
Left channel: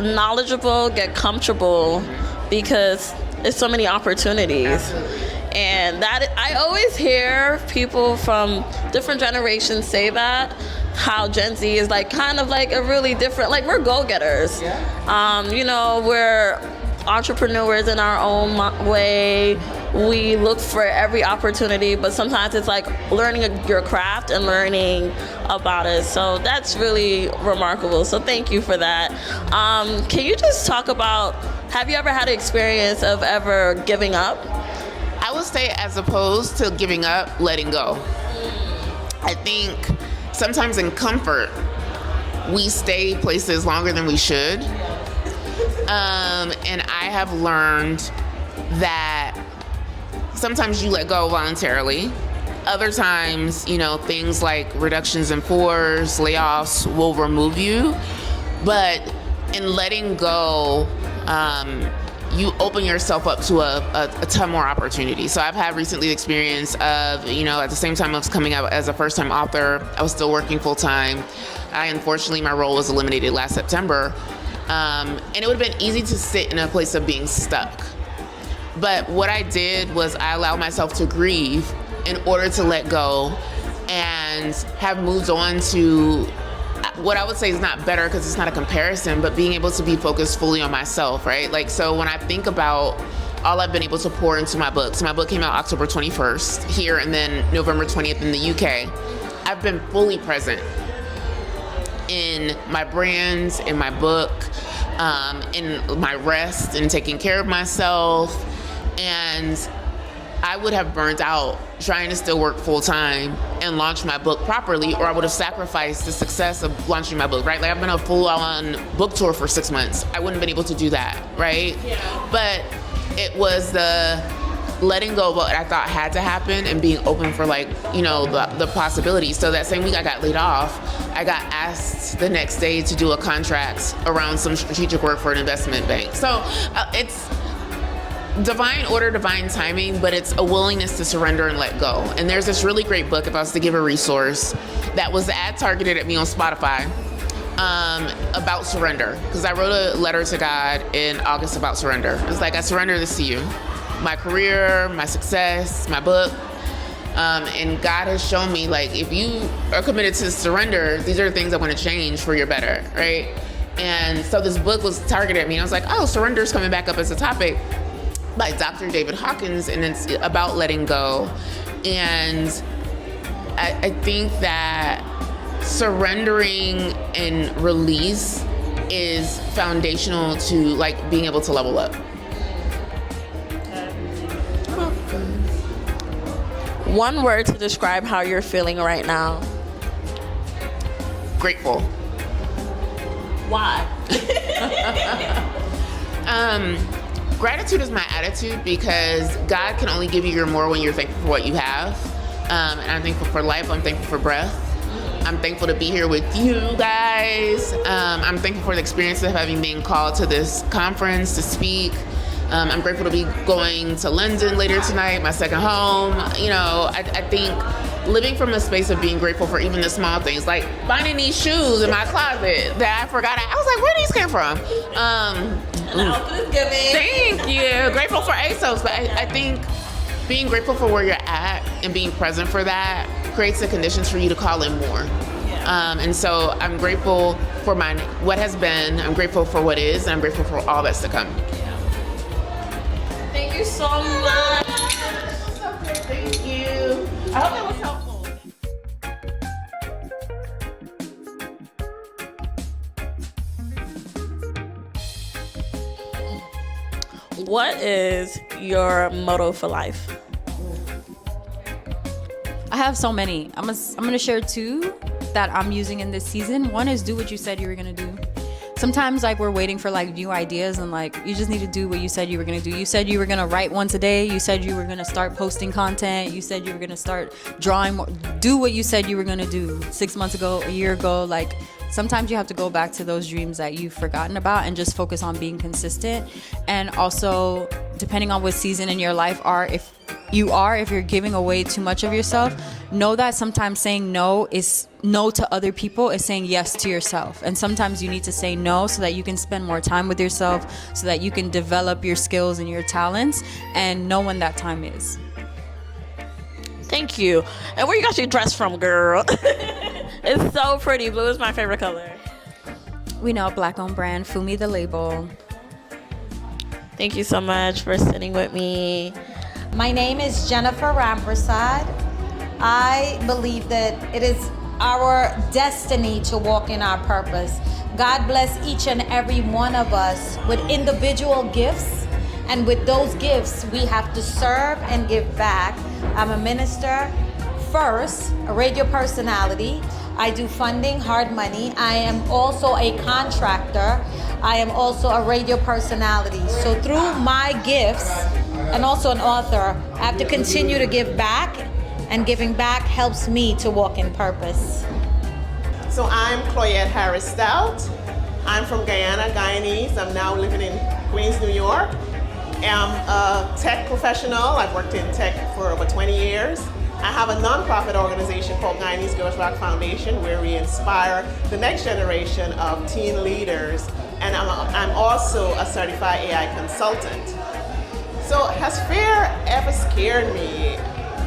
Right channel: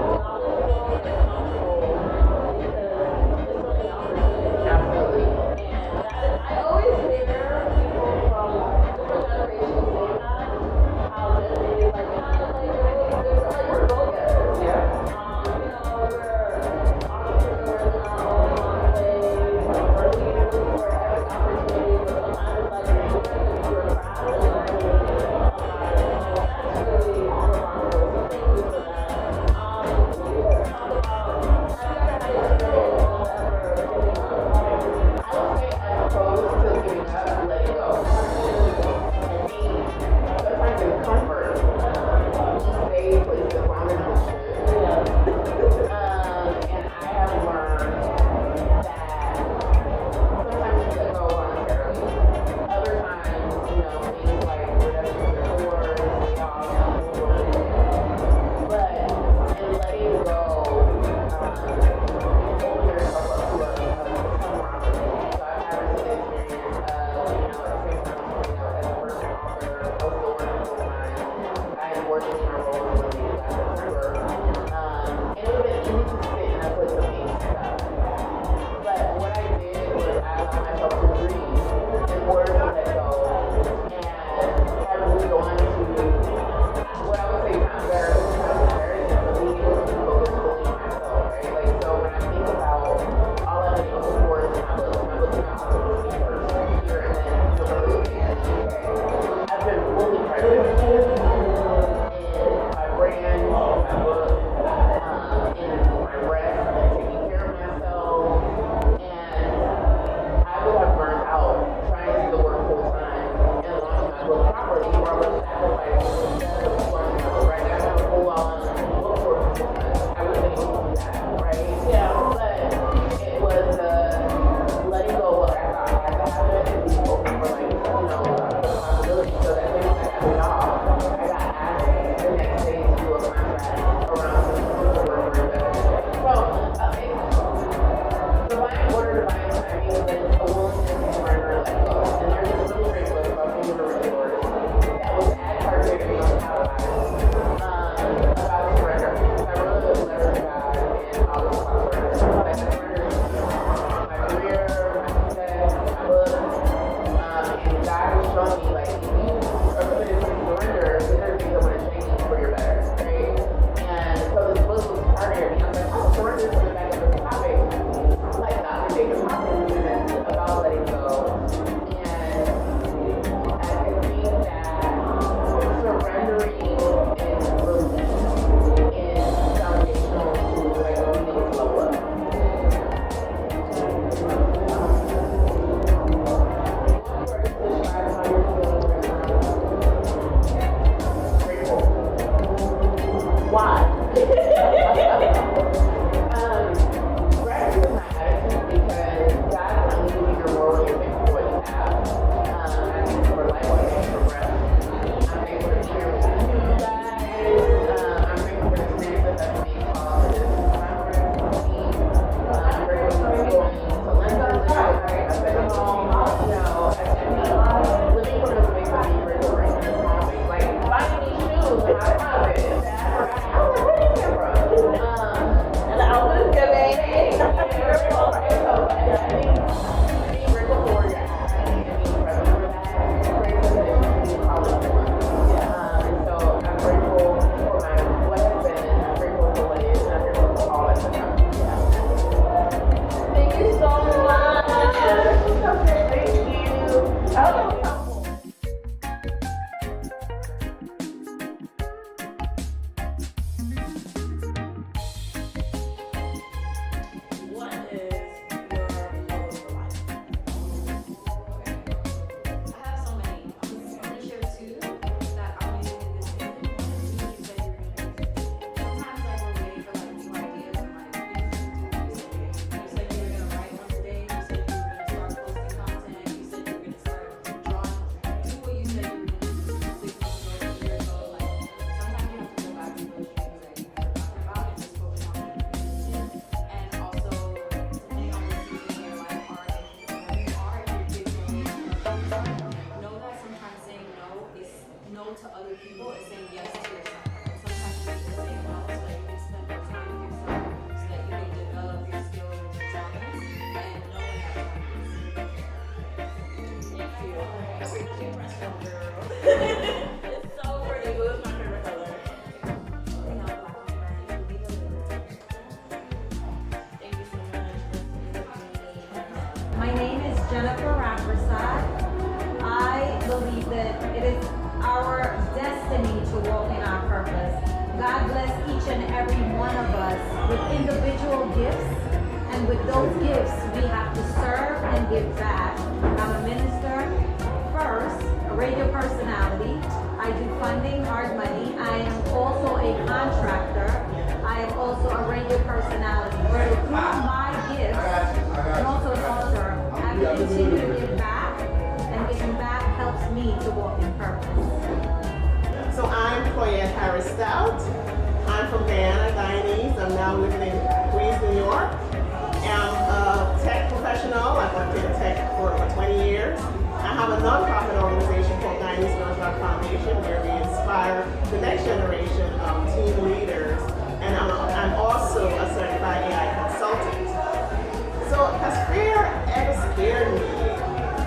knowledgeable, get comfortable, because there's so many opportunities. And that I always hear people from different generations say that, how Gen Z is kind of a really different, we're go-getters. We're entrepreneurs in our own way. We look for every opportunity, but sometimes it's learning your craft and learning about it. So that's really remarkable. So thank you for that. Can you just talk about, have you ever had an experience of ever giving up? I would say, as opposed to giving up, letting go. I think sometimes in comfort, we stay places longer than we should. And I have learned that sometimes you let go voluntarily. Other times, things like reductions in force, layoffs will remove you. But in letting go, you open yourself up to a ton more opportunity. So I've had recently the experience of, at the same time I was coming out as a first-time author, I was still working full-time. Unfortunately, my role was eliminated last September. And it would have been easy to sit in a place of being stuck. But what I did was I allowed myself to grieve in order to let go and have moved on to what I would say is not better, because it's not a comparison, but being able to be focused fully on myself, right? So when I think about all I've been able to pour into my book, so my book came out October 21st here, and then November 20th in the UK. I've been fully present in my brands, in my book, in my rest, and taking care of myself. And I would have burnt out trying to still work full time and launch my book properly, or I would have sacrificed the success of launching my book, right? I've been on a full-on book tour for 6 months. I wouldn't have been able to do that, right? Yeah. But it was the letting go of what I thought had to happen and being open for the possibilities. So that same week I got laid off, I got asked the next day to do a contract around some strategic work for an investment bank. So it's divine order, divine timing, but it's a willingness to surrender and let go. And there's this really great book, if I was to give a resource, that was ad targeted at me on Spotify, about surrender. Because I wrote a letter to God in August about surrender. It's I surrender this to you. My career, my success, my book. And God has shown me, if you are committed to surrender, these are the things I want to change for your better, right? And so this book was targeted at me. And I was oh, surrender is coming back up as a topic, by Dr. David Hawkins, and it's about letting go. And I think that surrendering and release is foundational to being able to level up. One word to describe how you're feeling right now. Grateful. Why? Gratitude is my attitude, because God can only give you your more when you're thankful for what you have. And I'm thankful for life. I'm thankful for breath. I'm thankful to be here with you guys. I'm thankful for the experience of having been called to this conference to speak. I'm grateful to be going to London later tonight, my second home. I think living from a space of being grateful for even the small things, like finding these shoes in my closet that I forgot. I was where these came from? Thank you. Grateful for ASOS, but I think being grateful for where you're at and being present for that creates the conditions for you to call in more. And so I'm grateful for what has been, I'm grateful for what is, and I'm grateful for all that's to come. Thank you so much. Thank you. I hope that was helpful. What is your motto for life? I have so many. I'm gonna share two that I'm using in this season. One is do what you said you were gonna do. Sometimes like we're waiting for like new ideas and like you just need to do what you said you were gonna do. You said you were gonna write once a day. You said you were gonna start posting content. You said you were gonna start drawing more. Do what you said you were gonna do 6 months ago, a year ago. Like sometimes you have to go back to those dreams that you've forgotten about and just focus on being consistent. And also, depending on what season in your life if you're giving away too much of yourself, know that sometimes saying no is no to other people is saying yes to yourself. And sometimes you need to say no so that you can spend more time with yourself, so that you can develop your skills and your talents and know when that time is. Thank you. And where you got your dress from, girl? It's so pretty. Blue is my favorite color. We know, Black-owned brand, Fumi the label. Thank you so much for sitting with me. My name is Jennifer Rampersad. I believe that it is our destiny to walk in our purpose. God bless each and every one of us with individual gifts, and with those gifts, we have to serve and give back. I'm a minister first, a radio personality. I do funding, hard money. I am also a contractor. I am also a radio personality. So through my gifts, and also an author, I have to continue to give back, and giving back helps me to walk in purpose. So I'm Chloette Harris Stout. I'm from Guyana, Guyanese. I'm now living in Queens, New York. I'm a tech professional. I've worked in tech for over 20 years. I have a nonprofit organization called Guyanese Girls Rock Foundation, where we inspire the next generation of teen leaders. And I'm also a certified AI consultant. So has fear ever scared me,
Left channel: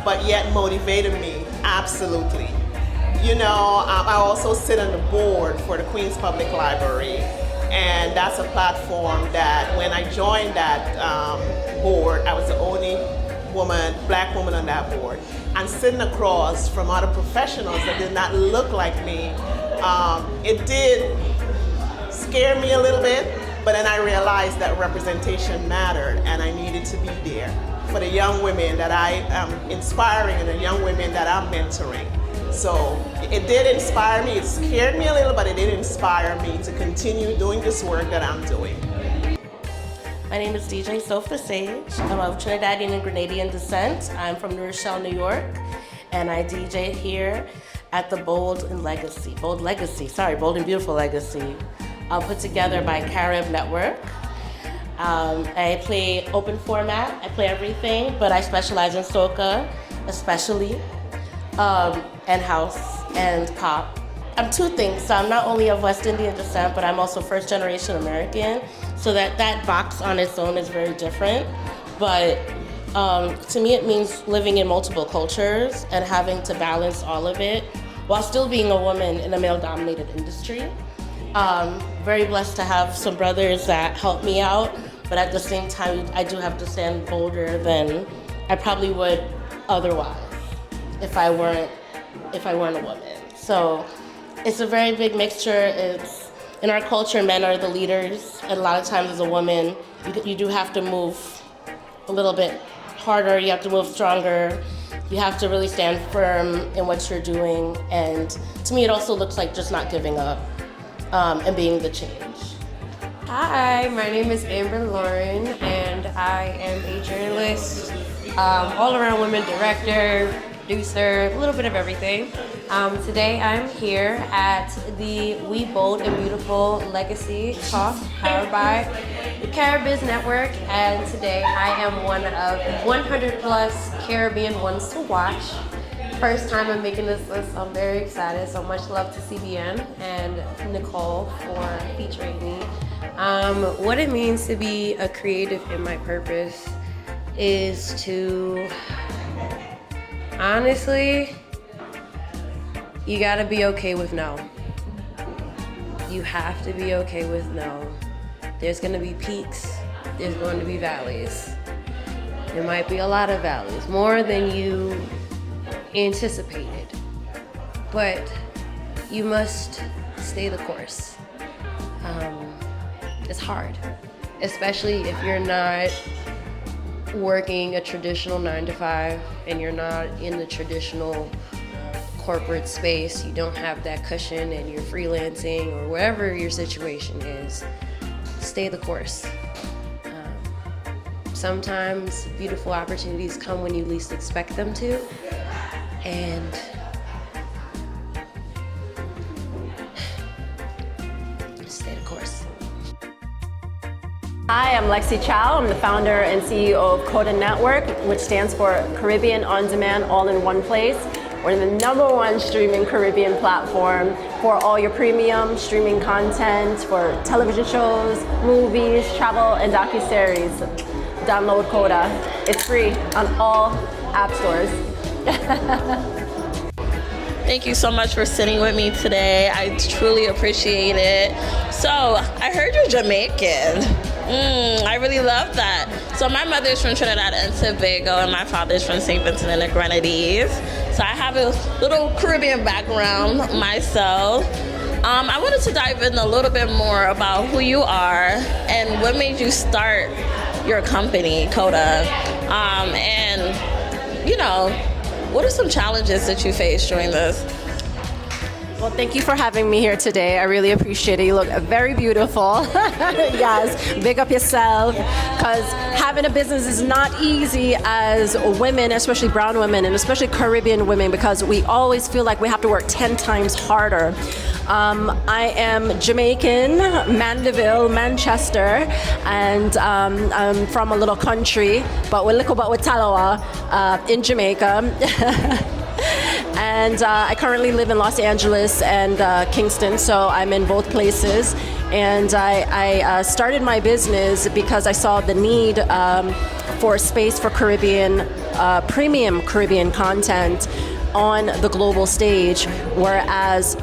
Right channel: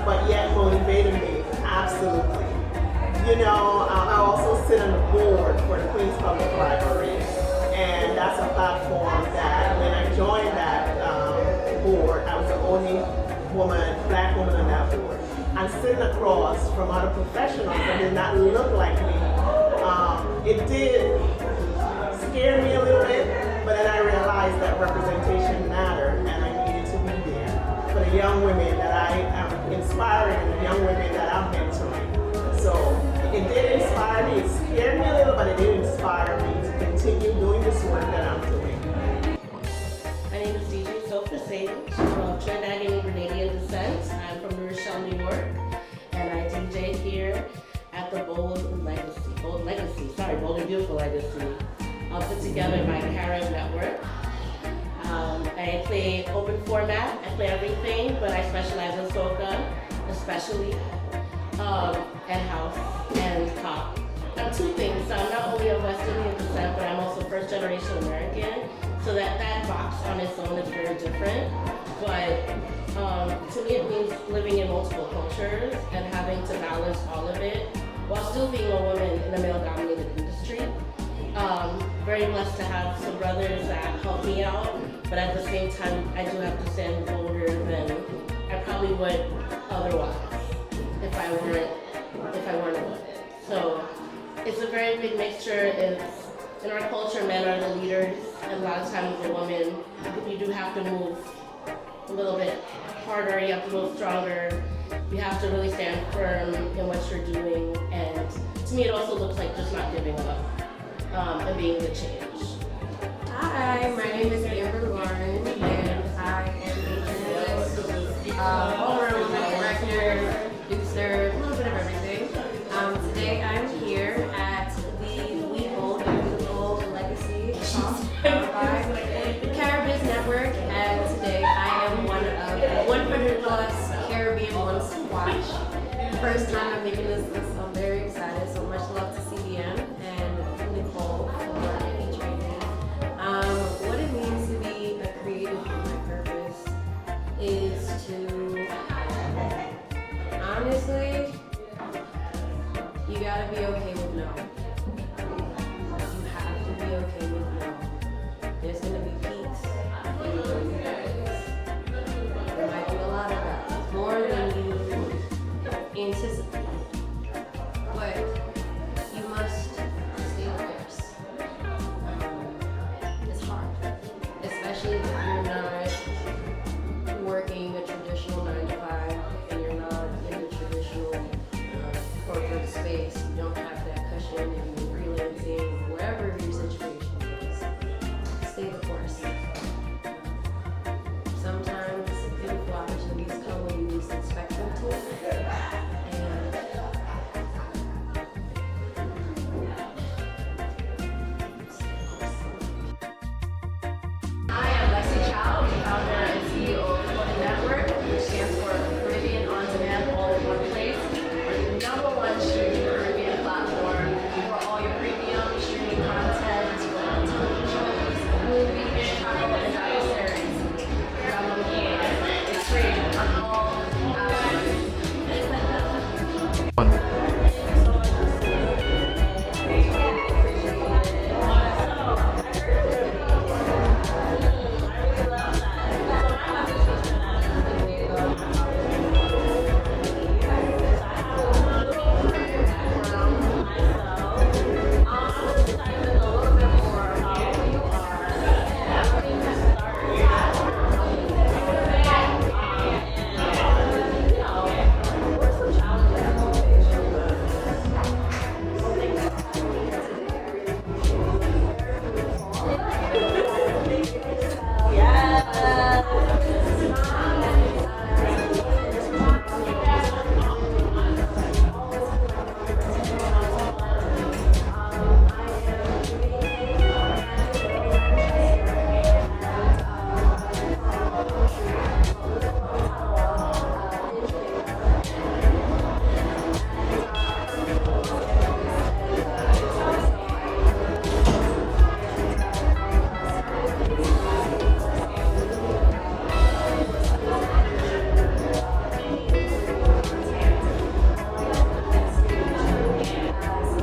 but yet motivated me? Absolutely. You know, I also sit on the board for the Queens Public Library, and that's a platform that when I joined that board, I was the only black woman on that board. And sitting across from other professionals that did not look like me, it did scare me a little bit, but then I realized that representation mattered and I needed to be there for the young women that I am inspiring and the young women that I'm mentoring. So it did inspire me. It scared me a little, but it did inspire me to continue doing this work that I'm doing. My name is DJ Sofa Sage. I'm of Trinidadian and Grenadian descent. I'm from New Rochelle, New York, and I DJ here at the Bold and Beautiful Legacy, put together by Carib Network. I play open format. I play everything, but I specialize in soca, especially, and house and pop. I'm two things. So I'm not only of West Indian descent, but I'm also first generation American. So that box on its own is very different. But to me, it means living in multiple cultures and having to balance all of it while still being a woman in a male-dominated industry. Very blessed to have some brothers that help me out, but at the same time, I do have to stand bolder than I probably would otherwise if I weren't a woman. So it's a very big mixture. It's in our culture, men are the leaders, and a lot of times as a woman, you do have to move a little bit harder. You have to move stronger. You have to really stand firm in what you're doing. And to me, it also looks like just not giving up and being the change. Hi, my name is Amber Lauren, and I am a journalist, all-around woman, director, producer, a little bit of everything. Today I'm here at the We Bold and Beautiful Legacy Talk powered by the Carib Network, and today I am one of 100 plus Caribbean ones to watch. First time I'm making this list, I'm very excited. So much love to CBN and Nicole for featuring me. What it means to be a creative in my purpose is to honestly you gotta be okay with no. You have to be okay with no. There's gonna be peaks, there's going to be valleys. There might be a lot of valleys, more than you anticipated. But you must stay the course. It's hard, especially if you're not working a traditional 9-to-5 and you're not in the traditional corporate space. You don't have that cushion and you're freelancing or wherever your situation is. Stay the course. Sometimes beautiful opportunities come when you least expect them to, and stay the course. Hi, I'm Lexi Chow. I'm the founder and CEO of Coda Network, which stands for Caribbean On Demand All in One Place. We're the #1 streaming Caribbean platform for all your premium streaming content for television shows, movies, travel, and docuseries. Download Coda. It's free on all app stores. Thank you so much for sitting with me today. I truly appreciate it. So, I heard you're Jamaican. I really love that. So my mother's from Trinidad and Tobago and my father's from St. Vincent and the Grenadines. So I have a little Caribbean background myself. I wanted to dive in a little bit more about who you are and what made you start your company, Coda. And, you know, what are some challenges that you faced during this? Well, thank you for having me here today. I really appreciate it. You look very beautiful. Yes, big up yourself. Because having a business is not easy as women, especially brown women, and especially Caribbean women, because we always feel like we have to work 10 times harder. I am Jamaican, Mandeville, Manchester, and I'm from a little country, but we're Talawa in Jamaica. And I currently live in Los Angeles and Kingston, so I'm in both places. And I started my business because I saw the need for space for Caribbean, premium Caribbean content on the global stage, whereas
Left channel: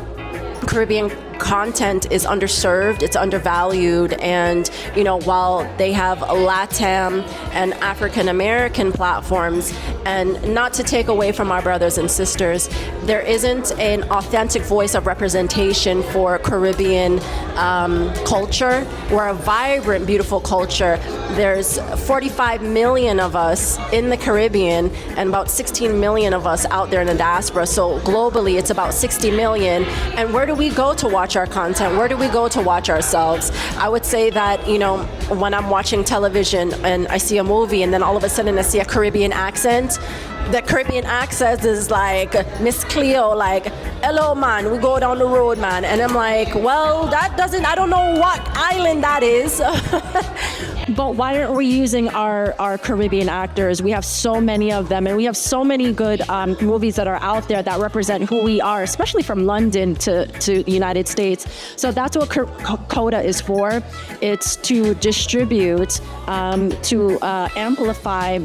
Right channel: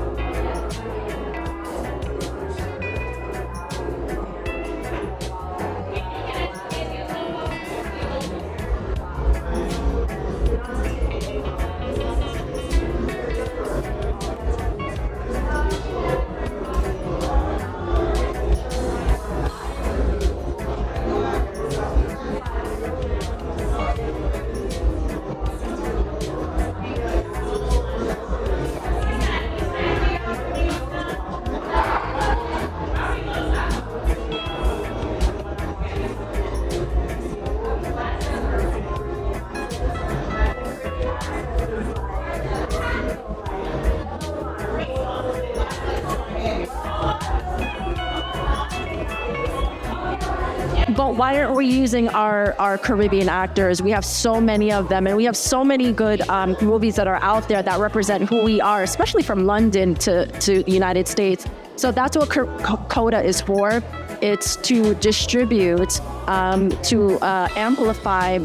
Caribbean content is underserved, it's undervalued, and you know, while they have LATAM and African American platforms, and not to take away from our brothers and sisters, there isn't an authentic voice of representation for Caribbean culture. We're a vibrant, beautiful culture. There's 45 million of us in the Caribbean and about 16 million of us out there in the diaspora. So globally, it's about 60 million. And where do we go to watch our content? Where do we go to watch ourselves? I would say that, you know, when I'm watching television and I see a movie and then all of a sudden I see a Caribbean accent, the Caribbean accent is like Miss Cleo, like, hello man, we go down the road, man. And I'm like, well, I don't know what island that is. But why aren't we using our Caribbean actors? We have so many of them, and we have so many good movies that are out there that represent who we are, especially from London to the United States. So that's what Coda is for. It's to distribute, to amplify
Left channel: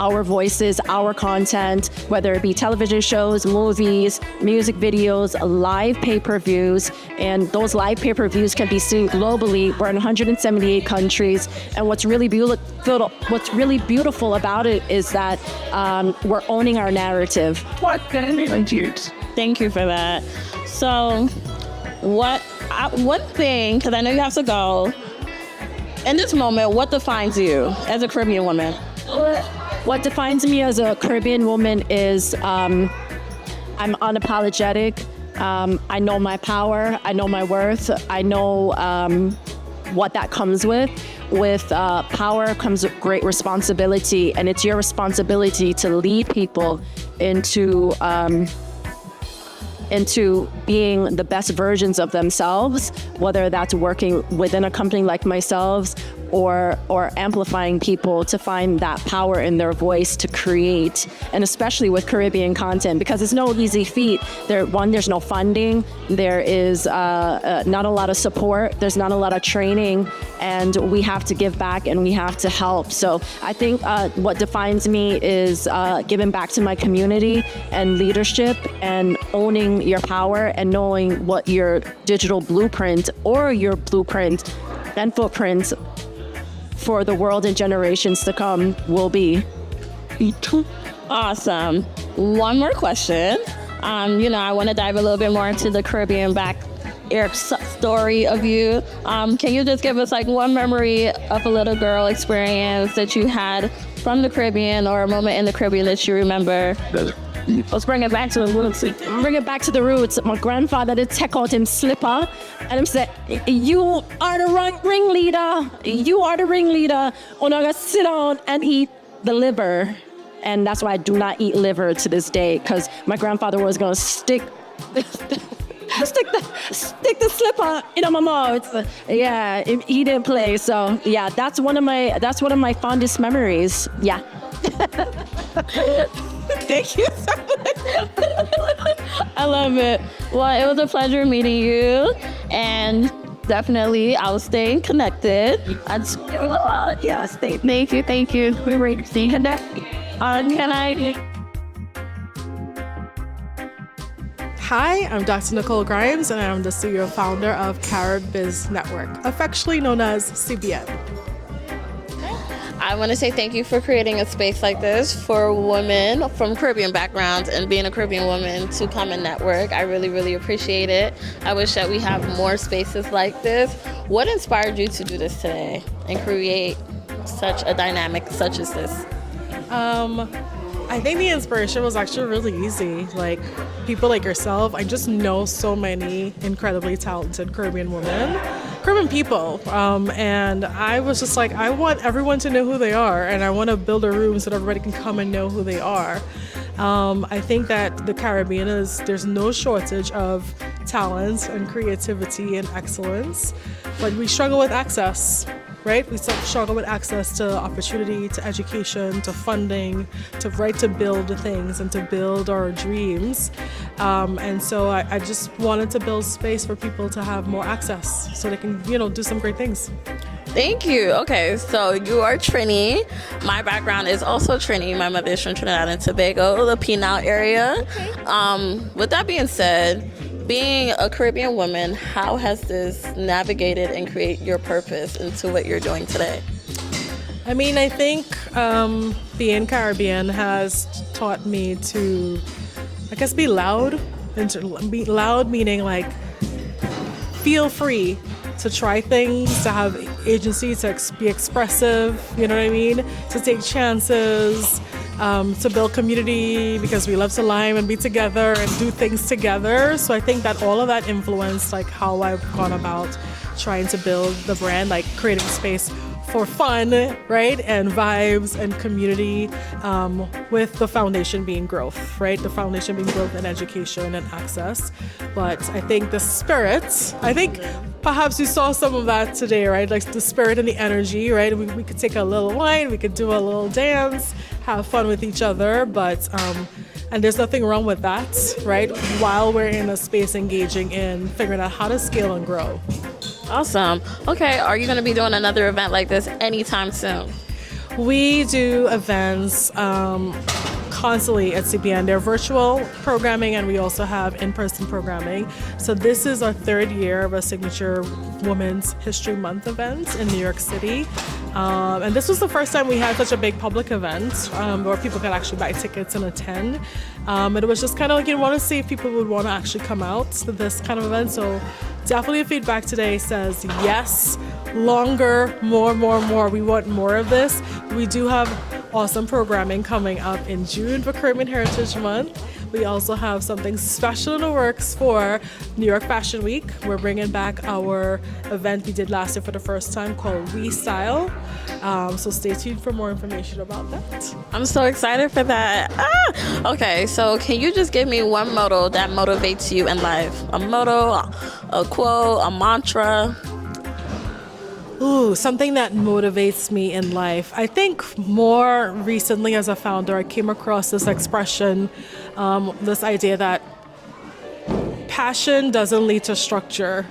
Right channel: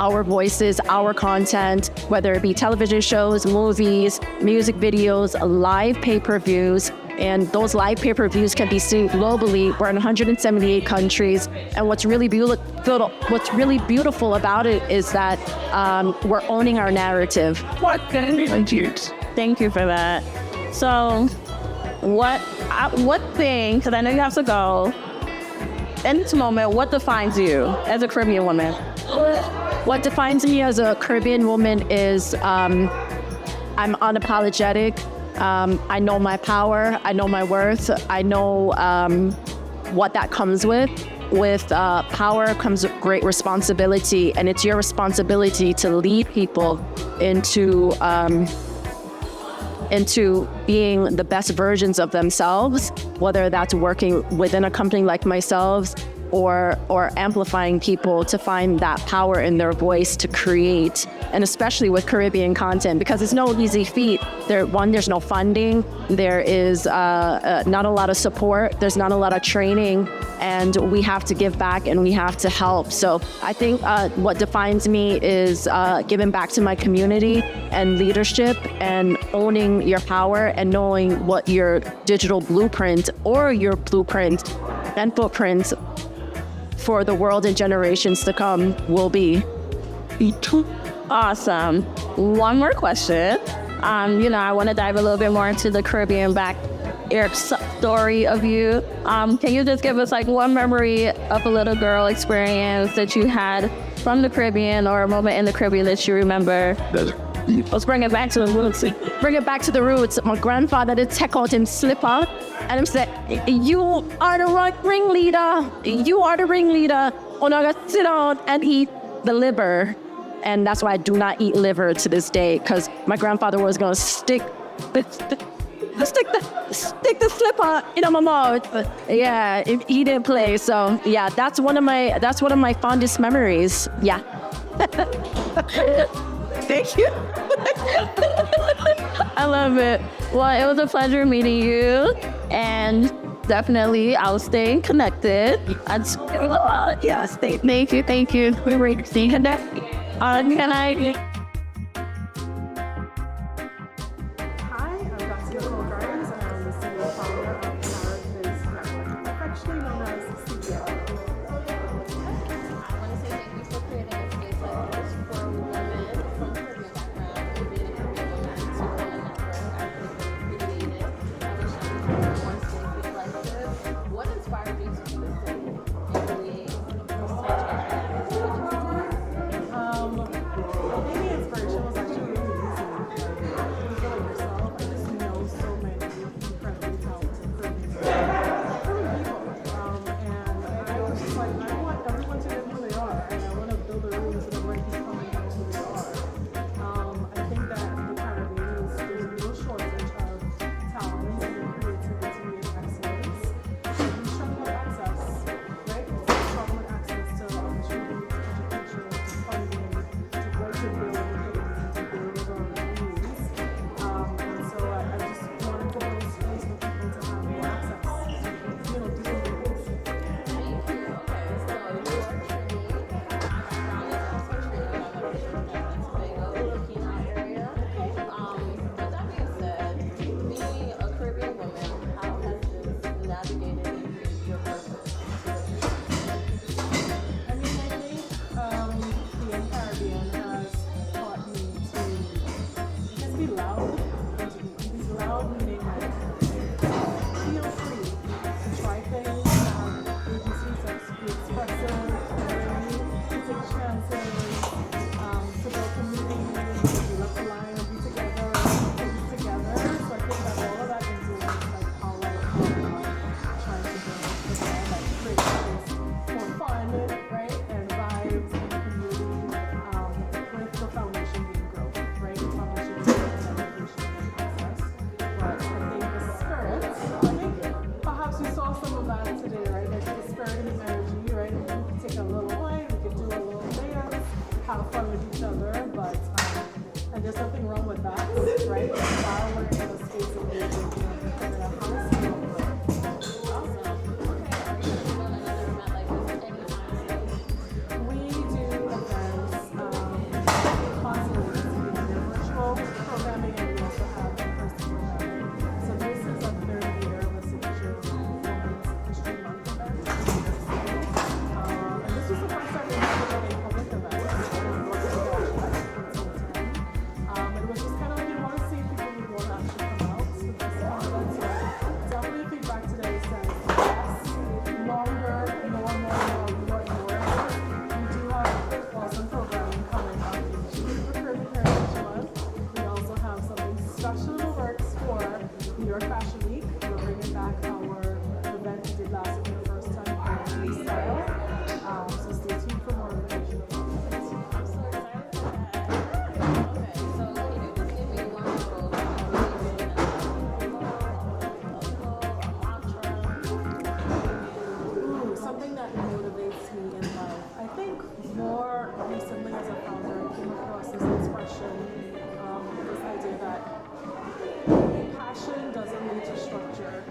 our voices, our content, whether it be television shows, movies, music videos, live pay-per-views, and those live pay-per-views can be seen globally. We're in 178 countries, and what's really beautiful about it is that we're owning our narrative. Thank you for that. So, what thing? Because I know you have to go. In this moment, what defines you as a Caribbean woman? What defines me as a Caribbean woman is I'm unapologetic. I know my power. I know my worth. I know what that comes with. With power comes great responsibility, and it's your responsibility to lead people into being the best versions of themselves, whether that's working within a company like myself or amplifying people to find that power in their voice to create, and especially with Caribbean content, because it's no easy feat. There's no funding, there is not a lot of support, there's not a lot of training, and we have to give back and we have to help. So I think what defines me is giving back to my community and leadership and owning your power and knowing what your digital blueprint or your blueprint and footprint for the world and generations to come will be. Awesome. One more question. I want to dive a little bit more into the Caribbean story of you. Can you just give us like one memory of a little girl experience that you had from the Caribbean, or a moment in the Caribbean that you remember? Let's bring it back to the roots. Bring it back to the roots. My grandfather did take out him slipper and him said, "You are the ringleader. You are the ringleader. I'm gonna sit down and eat the liver." And that's why I do not eat liver to this day, because my grandfather was gonna stick the slipper in my mouth. Yeah, he didn't play. So yeah, that's one of my fondest memories. Yeah. Thank you. I love it. Well, it was a pleasure meeting you, and definitely I'll stay connected. Thank you. We're ready to stay connected. Can I? Hi, I'm Dr. Nicole Grimes, and I'm the CEO and founder of Carib Biz Network, affectionately known as CBN. I want to say thank you for creating a space like this for women from Caribbean backgrounds and being a Caribbean woman to come and network. I really, really appreciate it. I wish that we have more spaces like this. What inspired you to do this today and create such a dynamic such as this? I think the inspiration was actually really easy. Like, people like yourself, I just know so many incredibly talented Caribbean women, Caribbean people, and I was just like, I want everyone to know who they are, and I want to build a room so that everybody can come and know who they are. I think that the Caribbean there's no shortage of talent and creativity and excellence, but we struggle with access. Right? We struggle with access to opportunity, to education, to funding, to build things and to build our dreams. And so I just wanted to build space for people to have more access so they can, do some great things. Thank you. Okay, so you are Trini. My background is also Trini. My mother is from Trinidad and Tobago, the Pinal area. With that being said, being a Caribbean woman, how has this navigated and create your purpose into what you're doing today? I mean, I think being Caribbean has taught me to, I guess, be loud. And to be loud meaning like feel free to try things, to have agency, to be expressive, you know what I mean? To take chances, to build community, because we love to lime and be together and do things together. So I think that all of that influenced like how I've gone about trying to build the brand, like creating space for fun, right? And vibes and community, with the foundation being growth, right? The foundation being growth and education and access. But I think the spirit, perhaps you saw some of that today, right? Like the spirit and the energy, right? We could take a little wine, we could do a little dance, have fun with each other, but and there's nothing wrong with that, right? While we're in a space engaging in figuring out how to scale and grow. Awesome. Okay, are you going to be doing another event like this anytime soon? We do events constantly at CBN. They're virtual programming, and we also have in-person programming. So this is our third year of a signature Women's History Month event in New York City. And this was the first time we had such a big public event where people could actually buy tickets and attend. And it was just kind of like, you want to see if people would want to actually come out to this kind of event. So definitely the feedback today says yes, longer, more. We want more of this. We do have awesome programming coming up in June for Caribbean Heritage Month. We also have something special in the works for New York Fashion Week. We're bringing back our event we did last year for the first time called Restyle. So stay tuned for more information about that. I'm so excited for that. Okay, so can you just give me one motto that motivates you in life? A motto, a quote, a mantra? Ooh, something that motivates me in life. I think more recently as a founder, I came across this expression, this idea that passion doesn't lead to structure,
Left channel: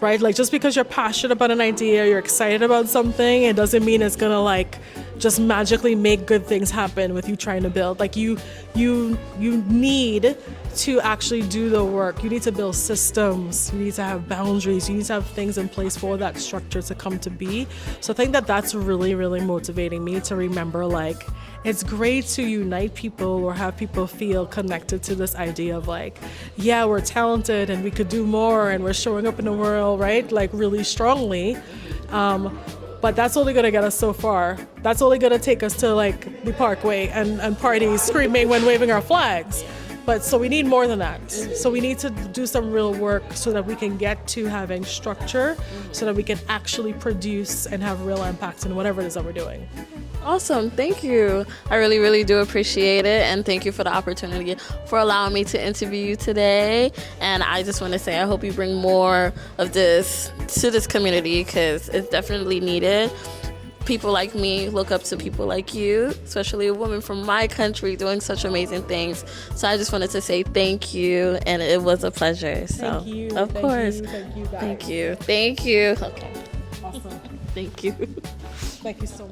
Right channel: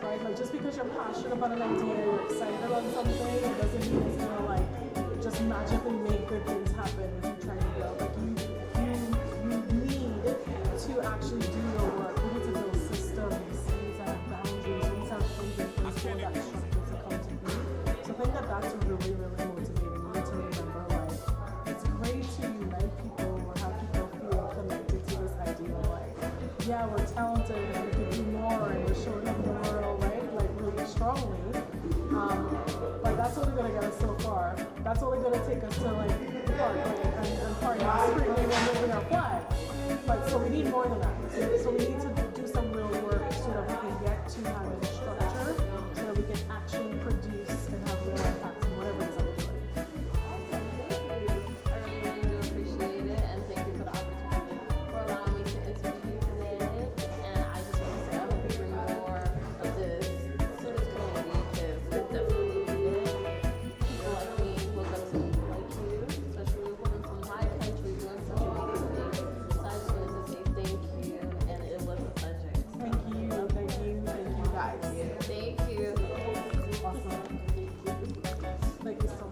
right? Like just because you're passionate about an idea, you're excited about something, it doesn't mean it's gonna like just magically make good things happen with you trying to build. Like you need to actually do the work. You need to build systems. You need to have boundaries. You need to have things in place for that structure to come to be. So I think that that's really, really motivating me to remember, like, it's great to unite people or have people feel connected to this idea of like, yeah, we're talented and we could do more and we're showing up in the world, right? Like really strongly. But that's only gonna get us so far. That's only gonna take us to like the Parkway and parties screaming when waving our flags. But so we need more than that. So we need to do some real work so that we can get to having structure so that we can actually produce and have real impact in whatever it is that we're doing. Awesome, thank you. I really, really do appreciate it, and thank you for the opportunity for allowing me to interview you today. And I just want to say I hope you bring more of this to this community because it's definitely needed. People like me look up to people like you, especially a woman from my country doing such amazing things. So I just wanted to say thank you, and it was a pleasure. So, of course. Thank you. Thank you. Thank you. Thank you so much.